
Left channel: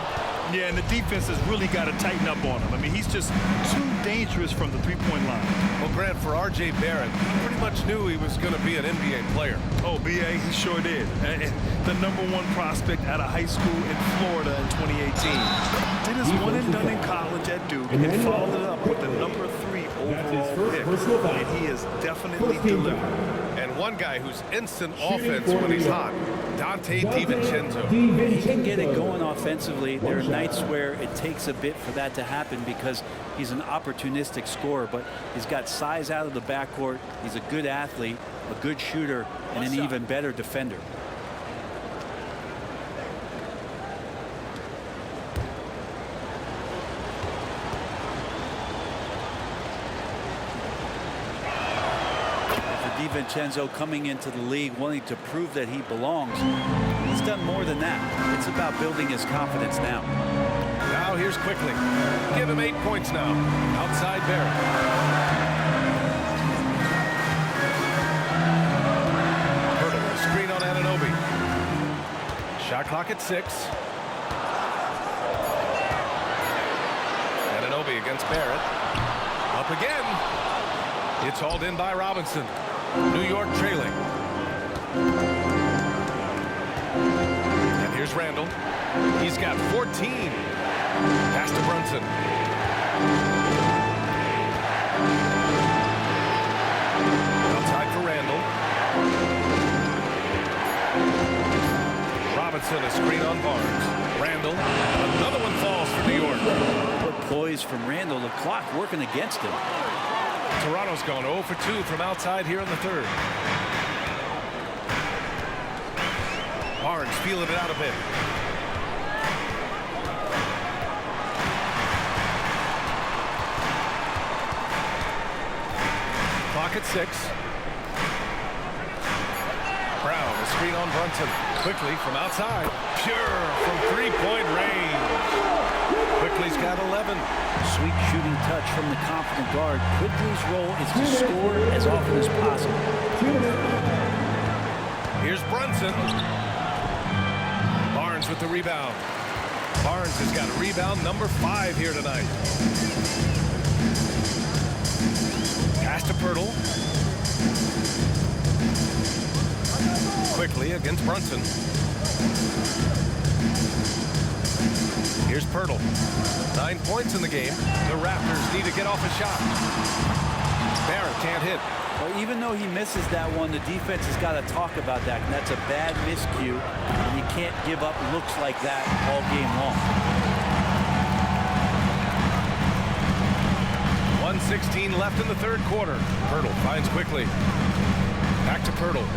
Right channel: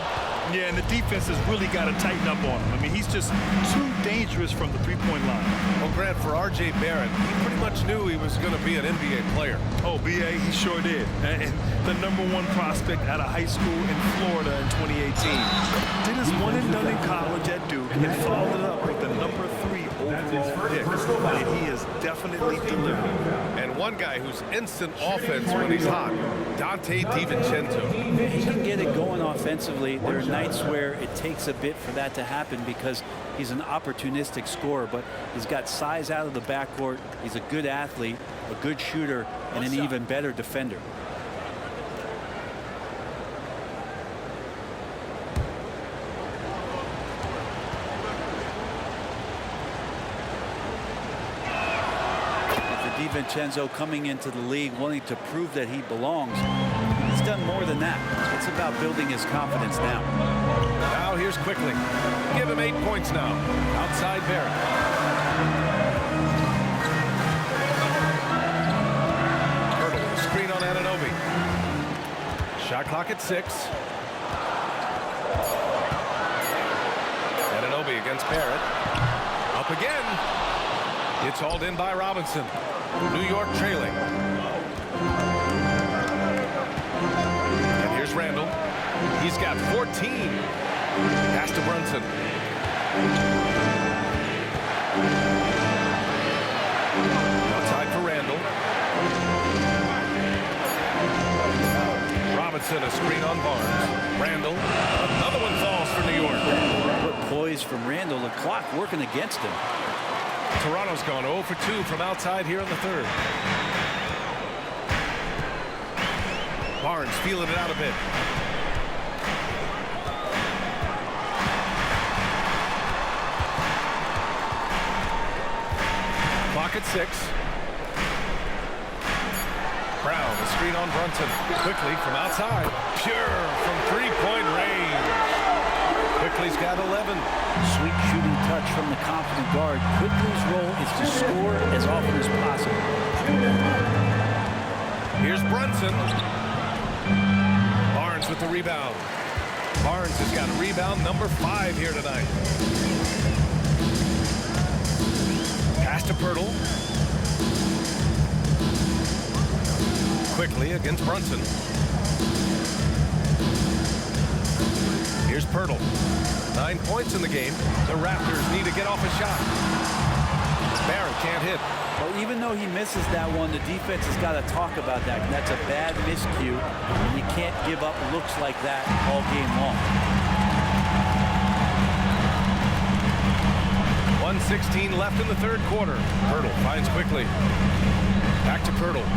Yeah, and the defense has really got to tighten up on him. I mean, he's just too dangerous from the three-point line. Well, Grant, for R.J. Barrett, he pretty much knew he was going to be an NBA player. Oh, B.A., he sure did. And the #1 prospect out of high school in Florida in 2018. Did his one and done in college at Duke and followed it up with the #3 overall pick. And he is definitely delivering. And one guy who's instant offense when he's hot, Donte DiVincenzo. He can get it going offensively. There are nights where it takes a bit for that to happen because he's an opportunistic scorer, but he's got size out of the backcourt. He's a good athlete, a good shooter, and an even better defender. DiVincenzo coming into the league wanting to prove that he belongs. He's done more than that. It's about building his confidence now. Now here's Quickly. Give him 8 points now. Outside Barrett. Hurdle, the screen on Anunoby. Shot clock at 6. Anunoby against Barrett. Up again. It's hauled in by Robinson. New York trailing. And here's Randall. He's got 14. Pass to Brunson. Outside for Randall. Robinson, a screen on Barnes. Randall, another one falls for New York. What poise from Randall, the clock working against him. Toronto's gone 0 for 2 from outside here in the third. Barnes feeling it out a bit. Clock at 6. Brown, a screen on Brunson. Quickly from outside. Pure from three-point range. Quickly's got 11. Sweet shooting touch from the confident guard. Quickly's role is to score as often as possible. Here's Brunson. Barnes with the rebound. Barnes has got a rebound number 5 here tonight. Pass to Pirtle. Quickly against Brunson. Here's Pirtle. 9 points in the game. The Raptors need to get off a shot. Barrett can't hit. Well, even though he misses that one, the defense has got to talk about that. And that's a bad miscue, and you can't give up looks like that all game long. 1:16 left in the third quarter. Pirtle finds Quickly. Back to Pirtle.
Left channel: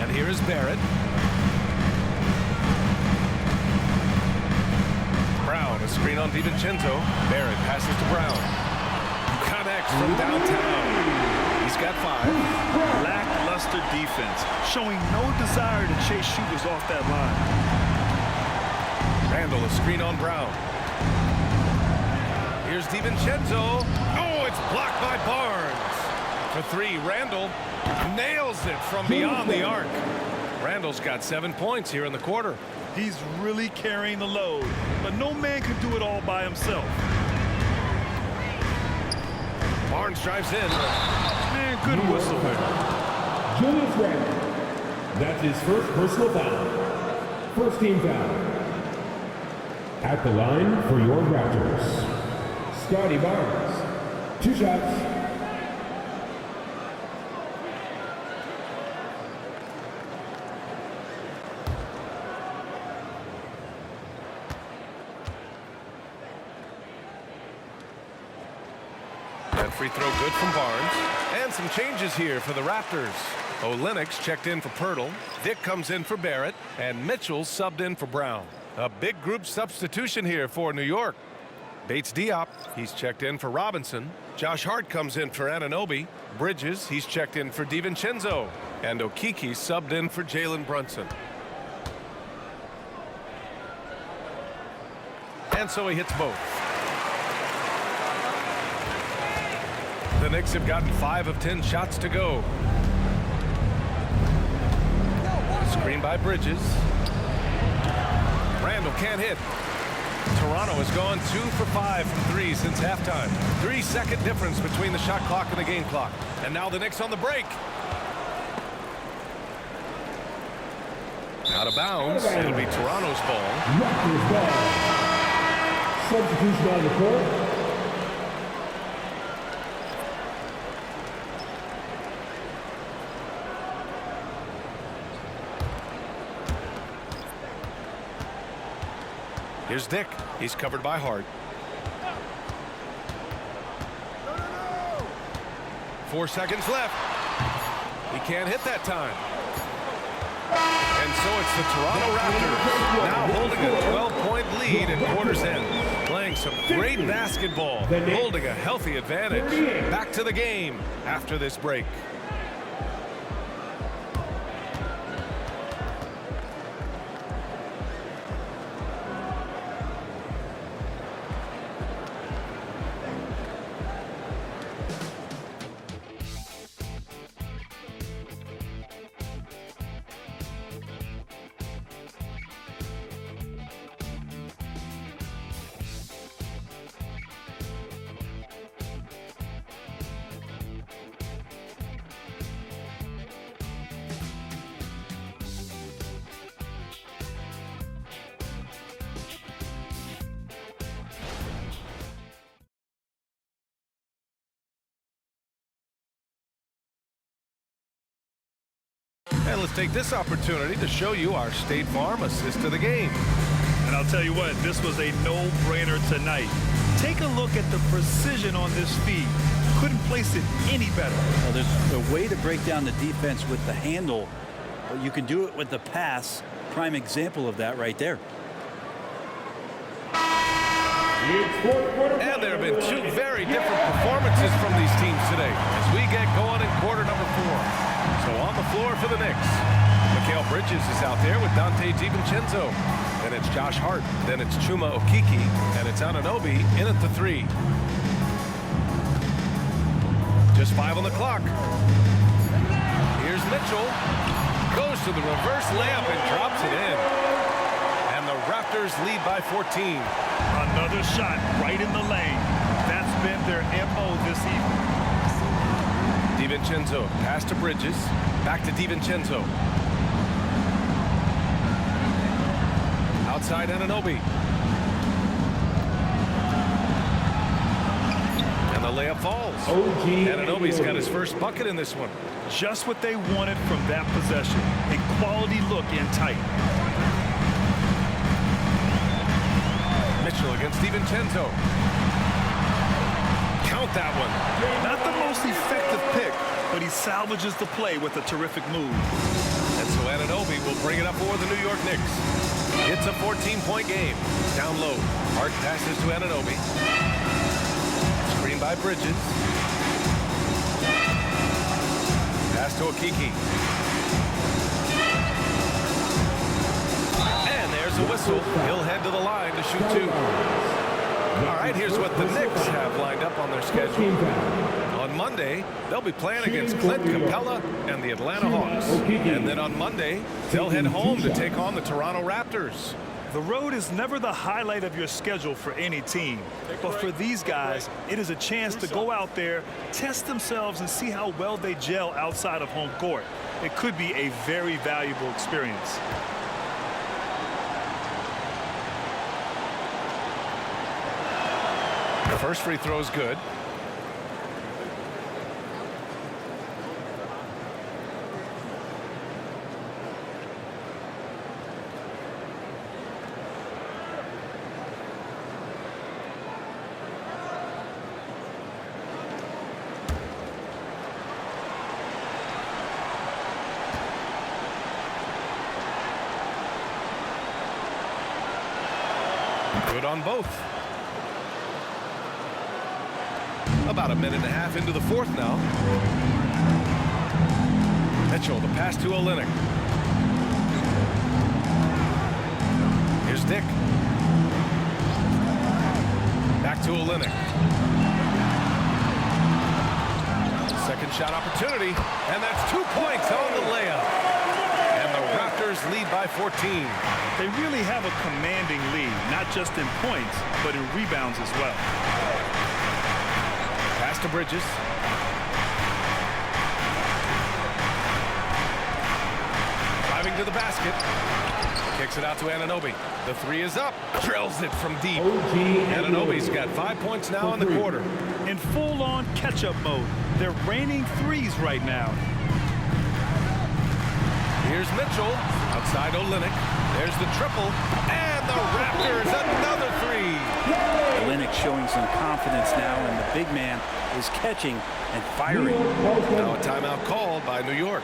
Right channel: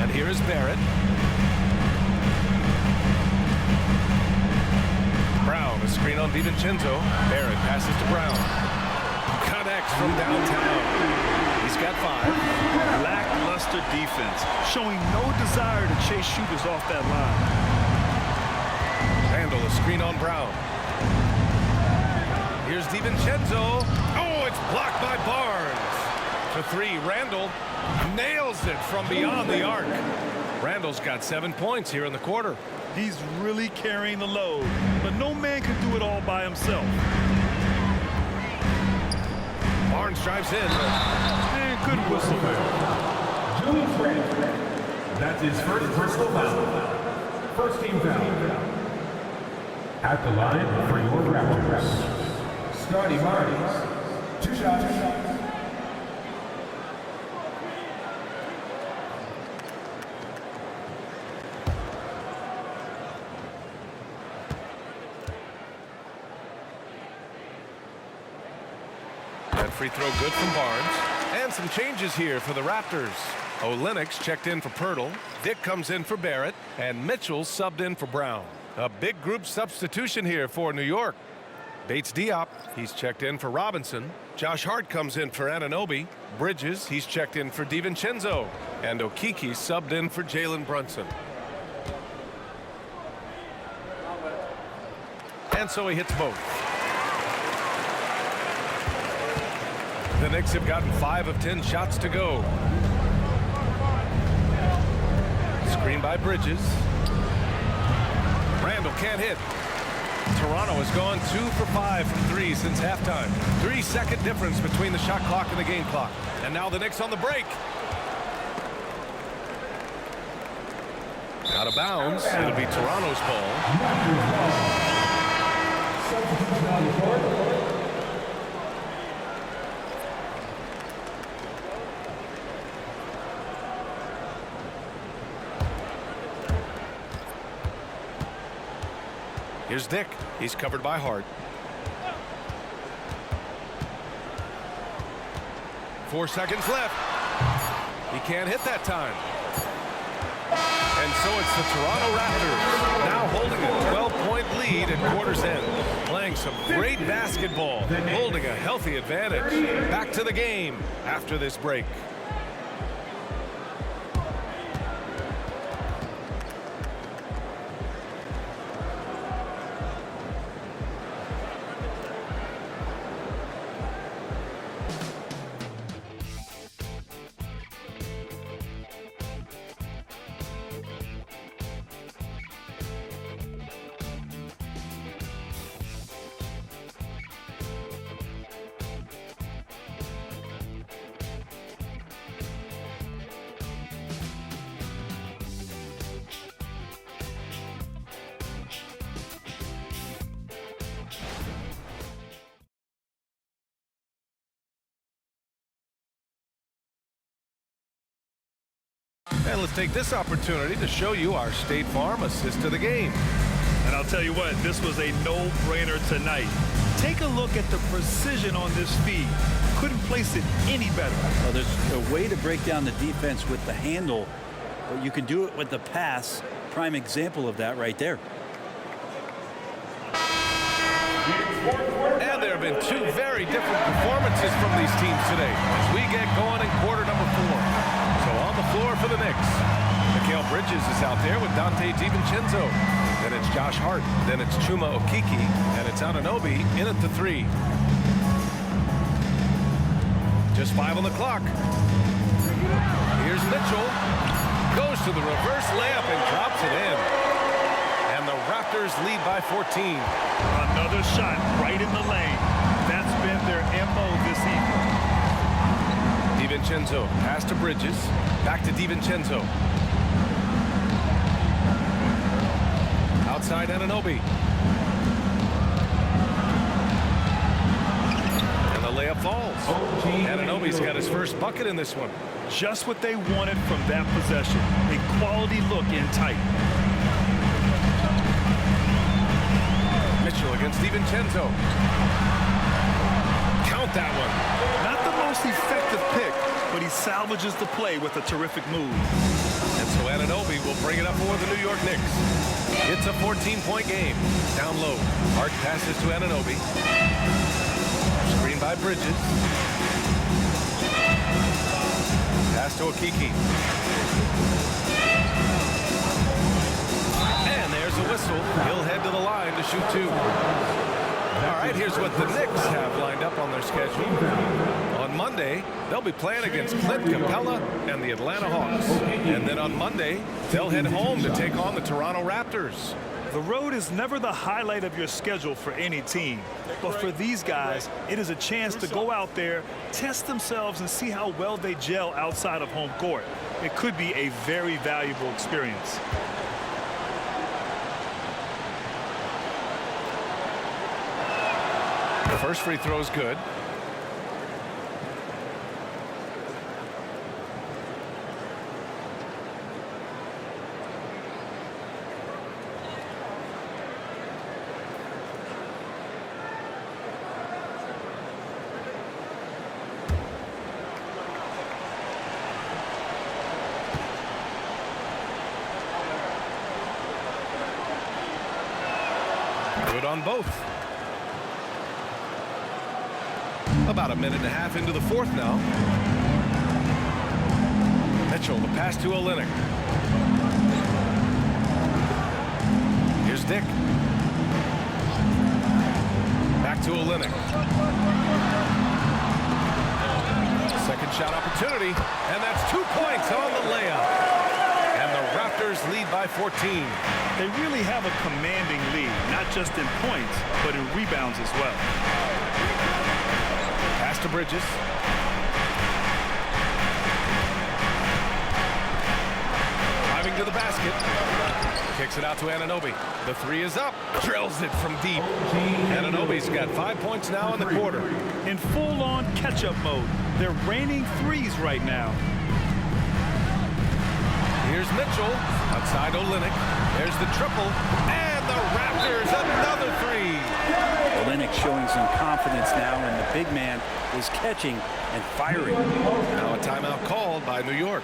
And here is Barrett. Brown, a screen on DiVincenzo. Barrett passes to Brown. Connects from downtown. He's got 5. Lackluster defense, showing no desire to chase shooters off that line. Randall, a screen on Brown. Here's DiVincenzo. Oh, it's blocked by Barnes. For 3, Randall nails it from beyond the arc. Randall's got 7 points here in the quarter. He's really carrying the load, but no man can do it all by himself. Barnes drives in. Man, good whistle there. Julius Randle. That's his first personal foul. First team foul. At the line for your Raptors, Scotty Barnes. 2 shots. That free throw good from Barnes. And some changes here for the Raptors. Olenek's checked in for Pirtle. Dick comes in for Barrett. And Mitchell subbed in for Brown. A big group substitution here for New York. Bates Diop, he's checked in for Robinson. Josh Hart comes in for Anunoby. Bridges, he's checked in for DiVincenzo. And Okeke subbed in for Jalen Brunson. And so he hits both. The Knicks have gotten 5 of 10 shots to go. Screen by Bridges. Randall can't hit. Toronto has gone 2 for 5 from 3 since halftime. 3-second difference between the shot clock and the game clock. And now the Knicks on the break. Out of bounds. It'll be Toronto's ball. Raptors ball. Substitution on the court. Here's Dick. He's covered by Hart. 4 seconds left. He can't hit that time. And so it's the Toronto Raptors now holding a 12-point lead at quarter's end. Playing some great basketball, holding a healthy advantage. Back to the game after this break. And let's take this opportunity to show you our State Farm assist to the game. And I'll tell you what, this was a no-brainer tonight. Take a look at the precision on this feed. Couldn't place it any better. Well, there's a way to break down the defense with the handle, but you can do it with the pass. Prime example of that right there. And there have been two very different performances from these teams today as we get going in quarter number 4. So on the floor for the Knicks, Mikal Bridges is out there with Dante DiVincenzo. Then it's Josh Hart. Then it's Chuma Okeke. And it's Anunoby in at the 3. Just 5 on the clock. Here's Mitchell. Goes to the reverse layup and drops it in. And the Raptors lead by 14. Another shot right in the lane. That's been their MO this evening. DiVincenzo, pass to Bridges. Back to DiVincenzo. Outside Anunoby. And the layup falls. Anunoby's got his first bucket in this one. Just what they wanted from that possession. A quality look in tight. Mitchell against DiVincenzo. Count that one. Not the most effective pick, but he salvages the play with a terrific move. And so Anunoby will bring it up for the New York Knicks. It's a 14-point game. Down low. Hart passes to Anunoby. Screen by Bridges. Pass to Okeke. And there's a whistle. He'll head to the line to shoot 2. All right, here's what the Knicks have lined up on their schedule. On Monday, they'll be playing against Clint Capella and the Atlanta Hawks. And then on Monday, they'll head home to take on the Toronto Raptors. The road is never the highlight of your schedule for any team. But for these guys, it is a chance to go out there, test themselves, and see how well they gel outside of home court. It could be a very valuable experience. The first free throw is good. Good on both. About a minute and a half into the 4th now. Mitchell, the pass to Olynyk. Here's Dick. Back to Olynyk. Second shot opportunity, and that's 2 points on the layup. And the Raptors lead by 14. They really have a commanding lead, not just in points, but in rebounds as well. Pass to Bridges. Driving to the basket. Kicks it out to Anunoby. The 3 is up. Drills it from deep. Anunoby's got 5 points now in the quarter. In full-on catch-up mode. They're raining threes right now. Here's Mitchell. Outside Olynyk. There's the triple. And the Raptors, another 3. Olynyk showing some confidence now, and the big man is catching and firing. Now a timeout called by New York.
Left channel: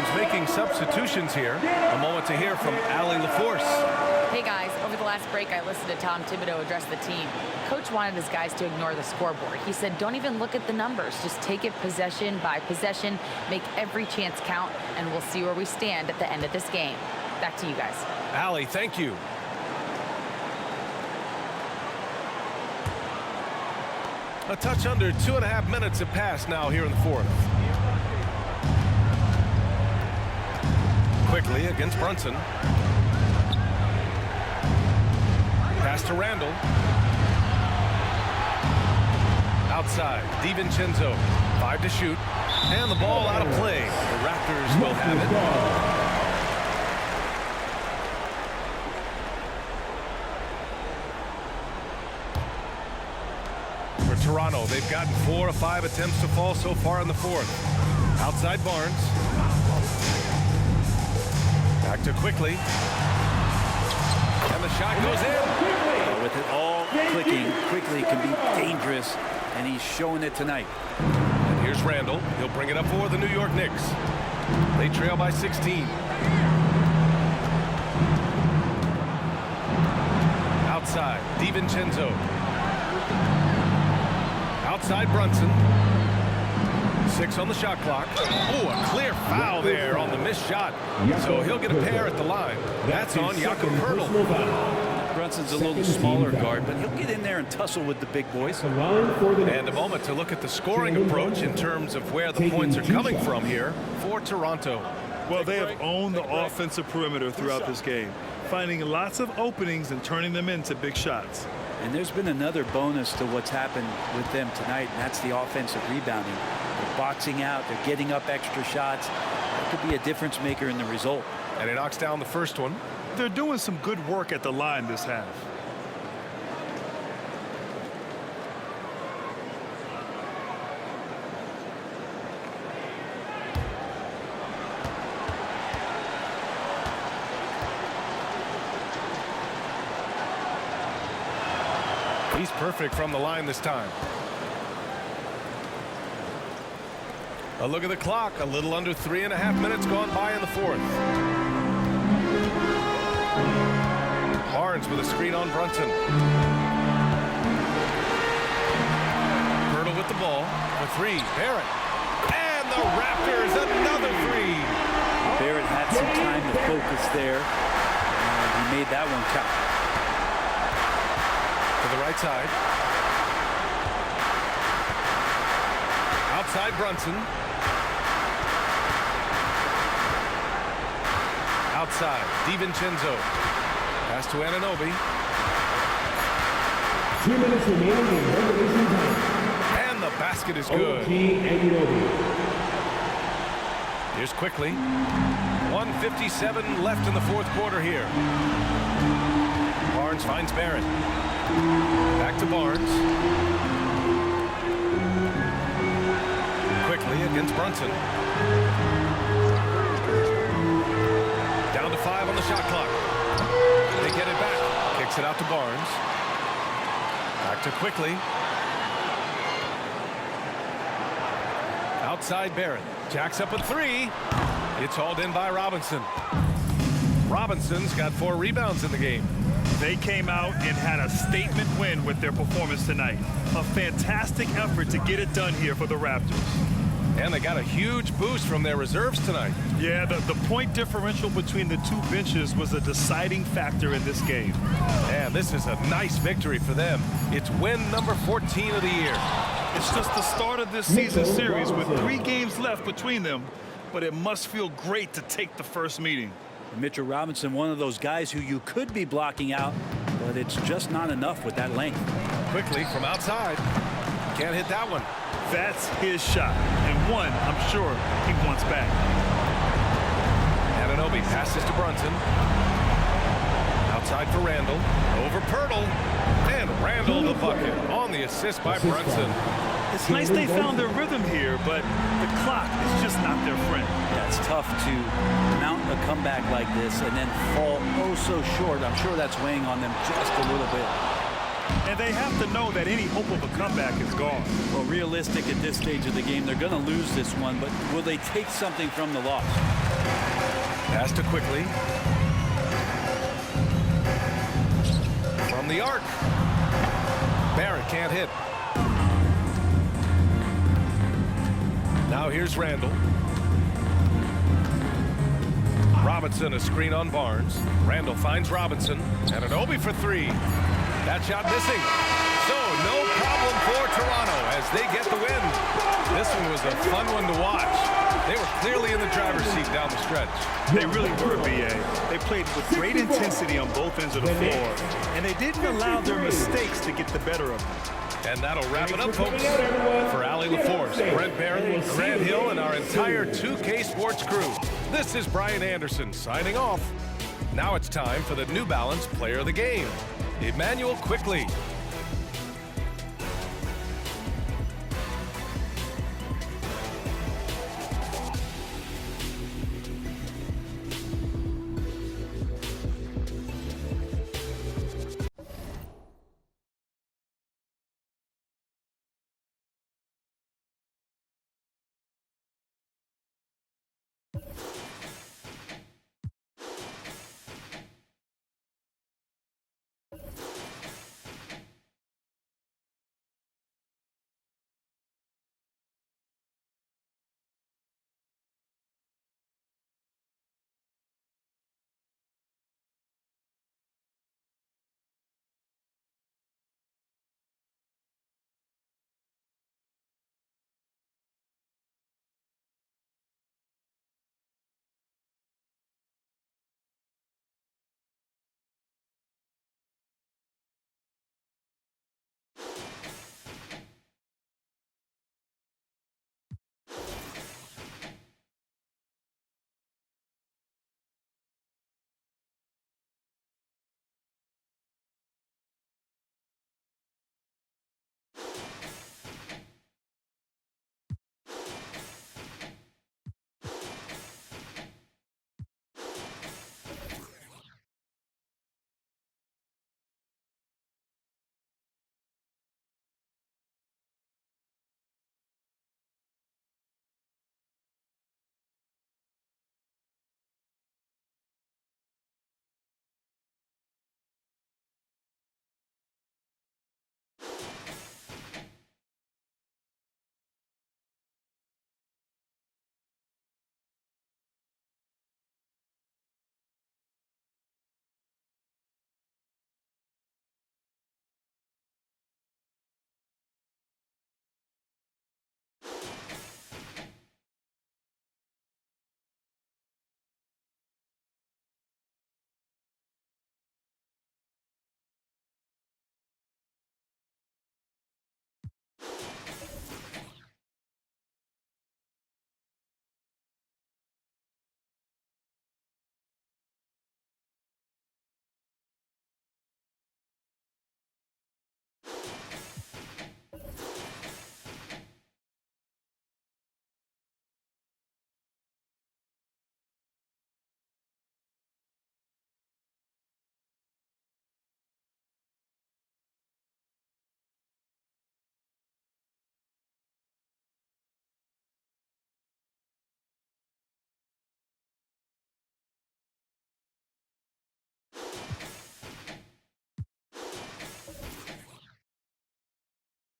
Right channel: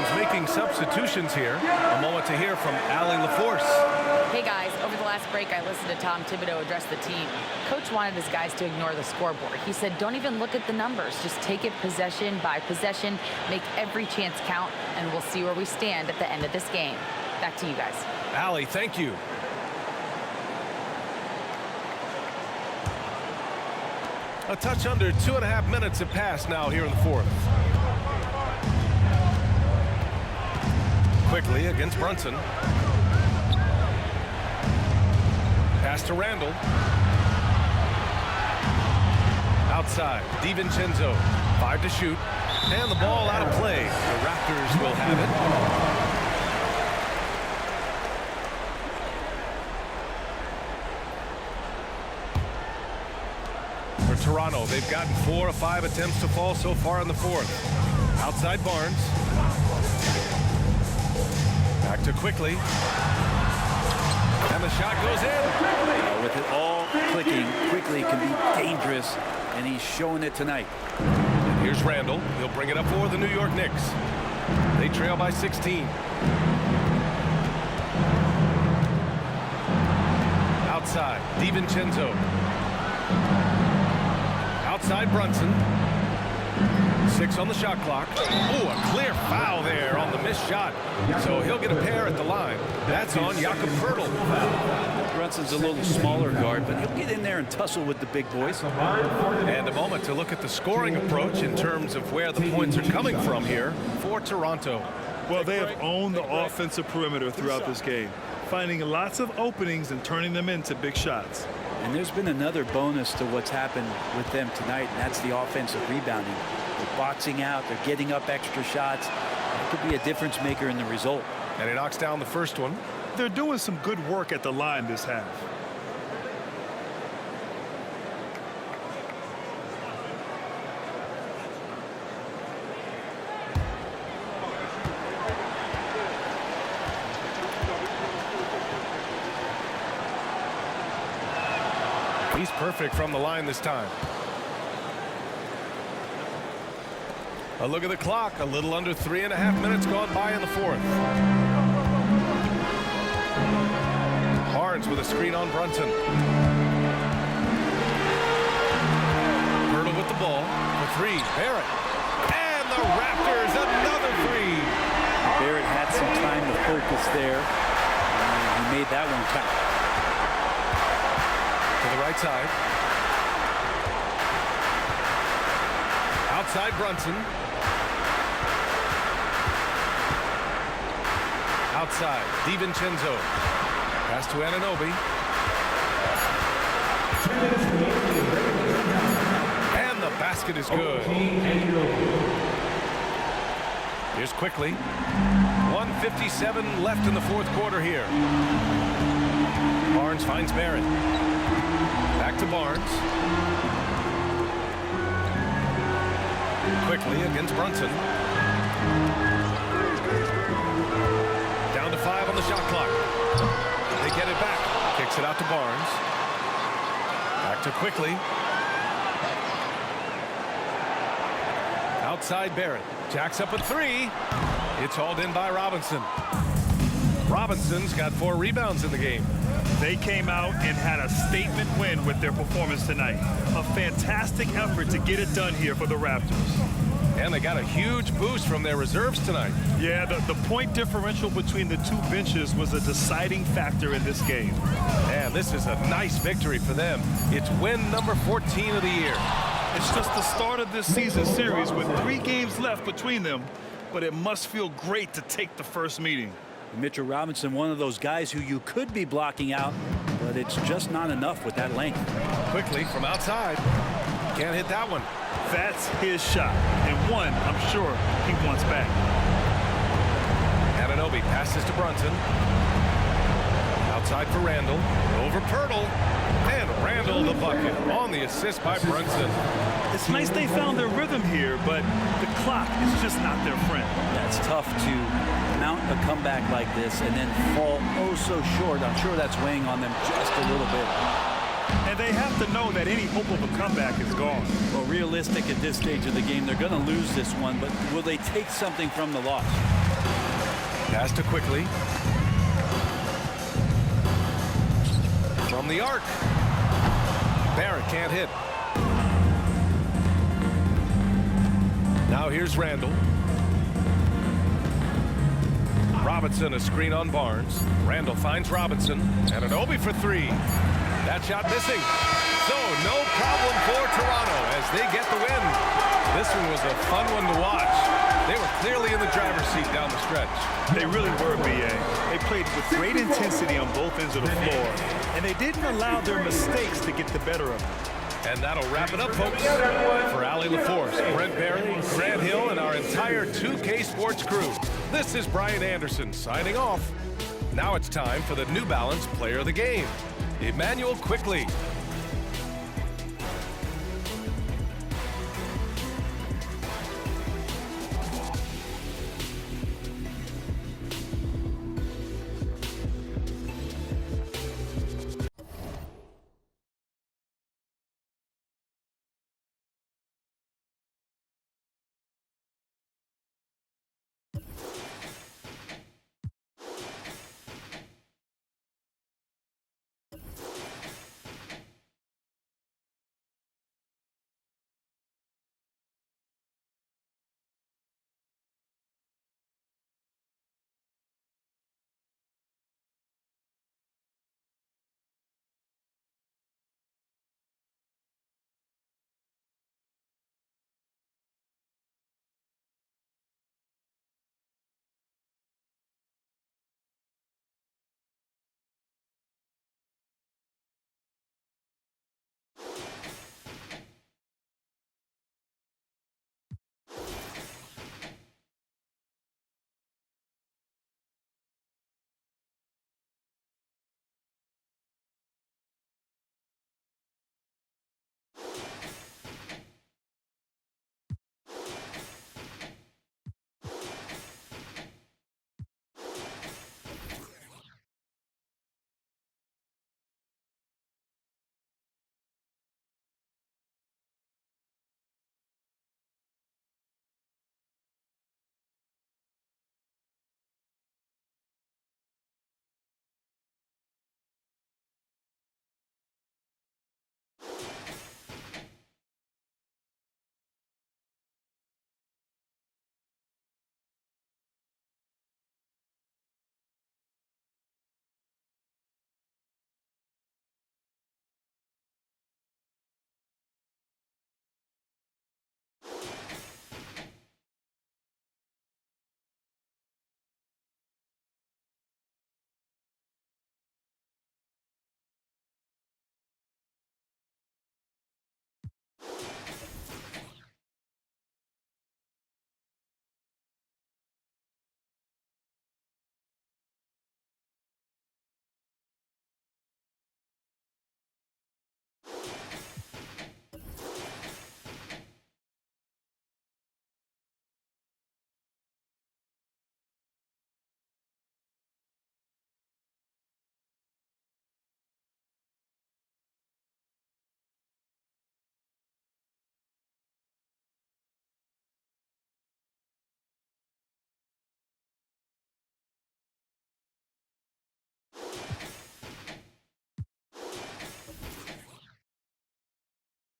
teams making substitutions here. A moment to hear from Allie LaForce. Hey guys, over the last break, I listened to Tom Thibodeau address the team. Coach wanted his guys to ignore the scoreboard. He said, don't even look at the numbers. Just take it possession by possession, make every chance count, and we'll see where we stand at the end of this game. Back to you guys. Allie, thank you. A touch under 2.5 minutes have passed now here in the fourth. Quickly against Brunson. Pass to Randall. Outside, DiVincenzo. 5 to shoot. And the ball out of play. The Raptors will have it. For Toronto, they've gotten 4 of 5 attempts to fall so far in the fourth. Outside Barnes. Back to Quickly. And the shot goes in. With it all clicking, Quickly can be dangerous, and he's showing it tonight. And here's Randall. He'll bring it up for the New York Knicks. They trail by 16. Outside, DiVincenzo. Outside Brunson. 6 on the shot clock. Oh, a clear foul there on the missed shot. So he'll get a pair at the line. That's on Jakob Poeltl. Brunson's a little smaller guard, but he'll get in there and tussle with the big boys. And a moment to look at the scoring approach in terms of where the points are coming from here for Toronto. Well, they have owned the offensive perimeter throughout this game, finding lots of openings and turning them into big shots. And there's been another bonus to what's happened with them tonight, and that's the offensive rebounding. They're boxing out. They're getting up extra shots. That could be a difference maker in the result. And he knocks down the first one. They're doing some good work at the line this half. He's perfect from the line this time. A look at the clock. A little under 3.5 minutes gone by in the fourth. Barnes with a screen on Brunson. Poeltl with the ball for 3. Barrett. And the Raptors another 3. Barrett had some time to focus there, and he made that one count. To the right side. Outside Brunson. Outside DiVincenzo. Pass to Anunoby. 2 minutes remaining in regulation time. And the basket is good. Here's Quickly. 1:57 left in the fourth quarter here. Barnes finds Barrett. Back to Barnes. Quickly against Brunson. Down to 5 on the shot clock. They get it back. Kicks it out to Barnes. Back to Quickly. Outside Barrett. Jacks up a 3. It's hauled in by Robinson. Robinson's got 4 rebounds in the game. They came out and had a statement win with their performance tonight. A fantastic effort to get it done here for the Raptors. And they got a huge boost from their reserves tonight. Yeah, the point differential between the two benches was a deciding factor in this game. And this is a nice victory for them. It's win number 14 of the year. It's just the start of this season series with 3 games left between them, but it must feel great to take the first meeting. Mitchell Robinson, one of those guys who you could be blocking out, but it's just not enough with that length. Quickly from outside. Can't hit that one. That's his shot, and one I'm sure he wants back. Anunoby passes to Brunson. Outside for Randall. Over Poeltl. And Randall the bucket on the assist by Brunson. It's nice they found their rhythm here, but the clock is just not their friend. Yeah, it's tough to mount a comeback like this and then fall oh so short. I'm sure that's weighing on them just a little bit. And they have to know that any hope of a comeback is gone. Well, realistic at this stage of the game, they're going to lose this one, but will they take something from the loss? Pass to Quickly. From the arc. Barrett can't hit. Now here's Randall. Robinson, a screen on Barnes. Randall finds Robinson, and an Obi for three. That shot missing. So no problem for Toronto as they get the win. This one was a fun one to watch. They were clearly in the driver's seat down the stretch. They really were, B.A. They played with great intensity on both ends of the floor, and they didn't allow their mistakes to get the better of them. And that'll wrap it up, folks. For Ali LaForce, Brent Barry, Grant Hill, and our entire 2K Sports crew, this is Brian Anderson signing off. Now it's time for the New Balance Player of the Game, Emmanuel Quickly.